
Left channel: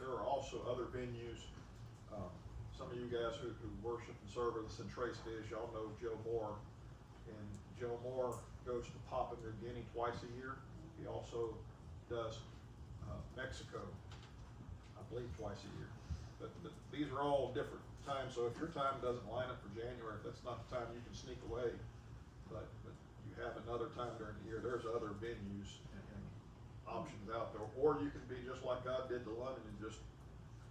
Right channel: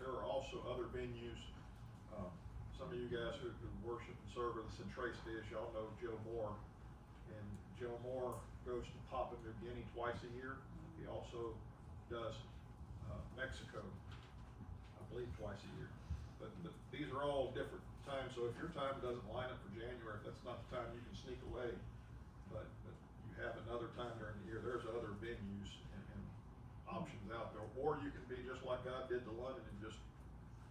there are also other venues. Some of you guys who worship and serve with us in Trace Dish, y'all know Joe Moore. And Joe Moore goes to Papua New Guinea twice a year. He also does Mexico, I believe, twice a year. But these are all different times, so if your time doesn't line up for January, if that's not the time, you can sneak away. But you have another time during the year. There's other venues, and options out there. Or you can be just like God did to London and just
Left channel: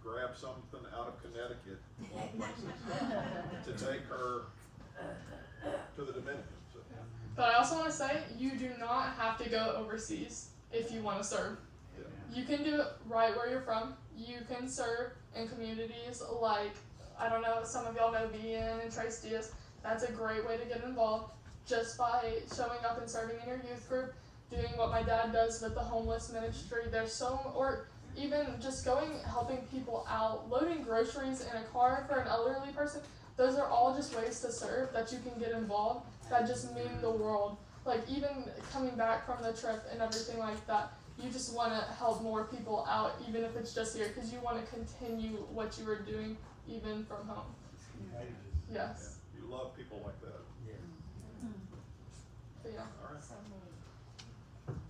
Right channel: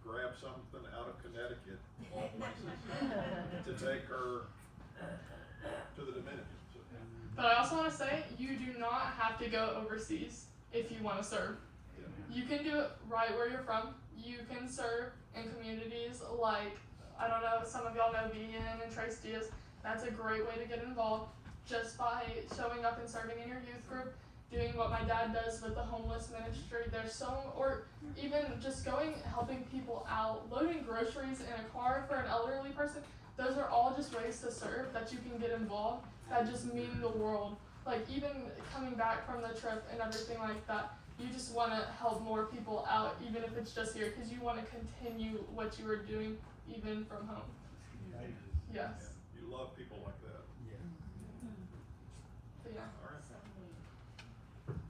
grab something out of Connecticut, of all places, to take her to the Dominican. So, But I also want to say, you do not have to go overseas if you want to serve. yeah. You can do it right where you're from. You can serve in communities like, I don't know, some of y'all know Vian and Trace Diaz. That's a great way to get involved just by showing up and serving in your youth group, doing what my dad does with the homeless ministry. Or even just going, helping people out, loading groceries in a car for an elderly person. Those are all just ways to serve that you can get involved that just mean the world. Like even coming back from the trip and everything like that, you just want to help more people out, even if it's just here, because you want to continue what you were doing even from home. Yes. Yeah. You love people like that. But yeah. All right.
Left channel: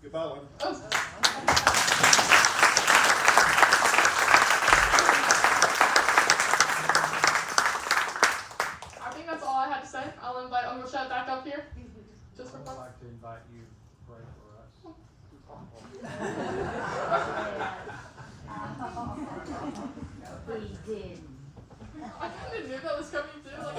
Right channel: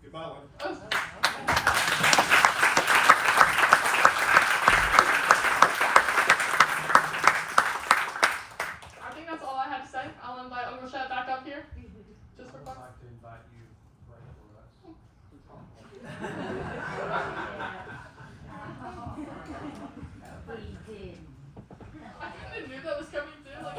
Goodbye, London. Oh. I think that's all I had to say. I'll invite Uncle Chet back up here. Just for I fun. would like to invite you to pray for us. He did. I kind of knew that was coming too. Like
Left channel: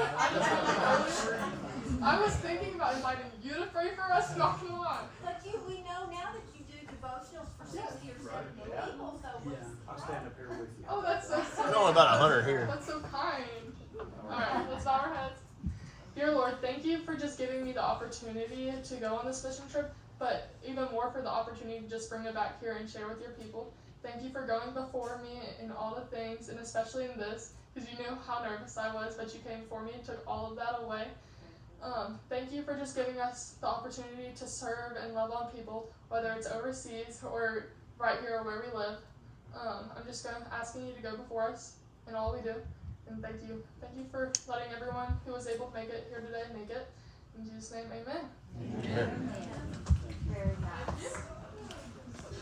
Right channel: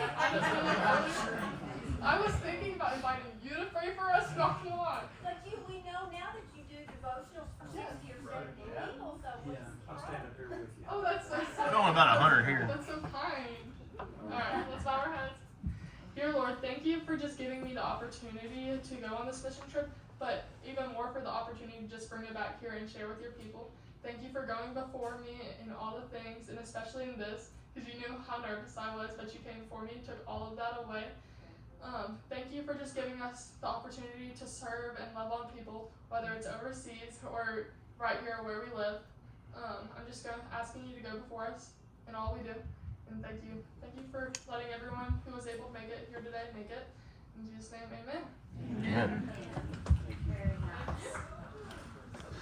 I was thinking about inviting you to pray for us. Not gonna lie. But we know now that you do devotionals for 60 or 70 people, so Yeah, I'll stand up here with you. Oh, that's so sweet. There's only about 100 here. That's so kind. Alright, let's bow our heads. Dear Lord, thank you for just giving me the opportunity to go on this mission trip, but even more for the opportunity to just bring it back here and share with your people. Thank you for going before me in all the things, and especially in this, because you knew how nervous I was, but you came for me and took all of that away. Thank you for just giving us the opportunity to serve and love on people, whether it's overseas or right here where we live. I'm just asking you to go before us in all we do. And thank you. Thank you for letting everyone who was able to make it here today make it. In Jesus' name, amen. Amen.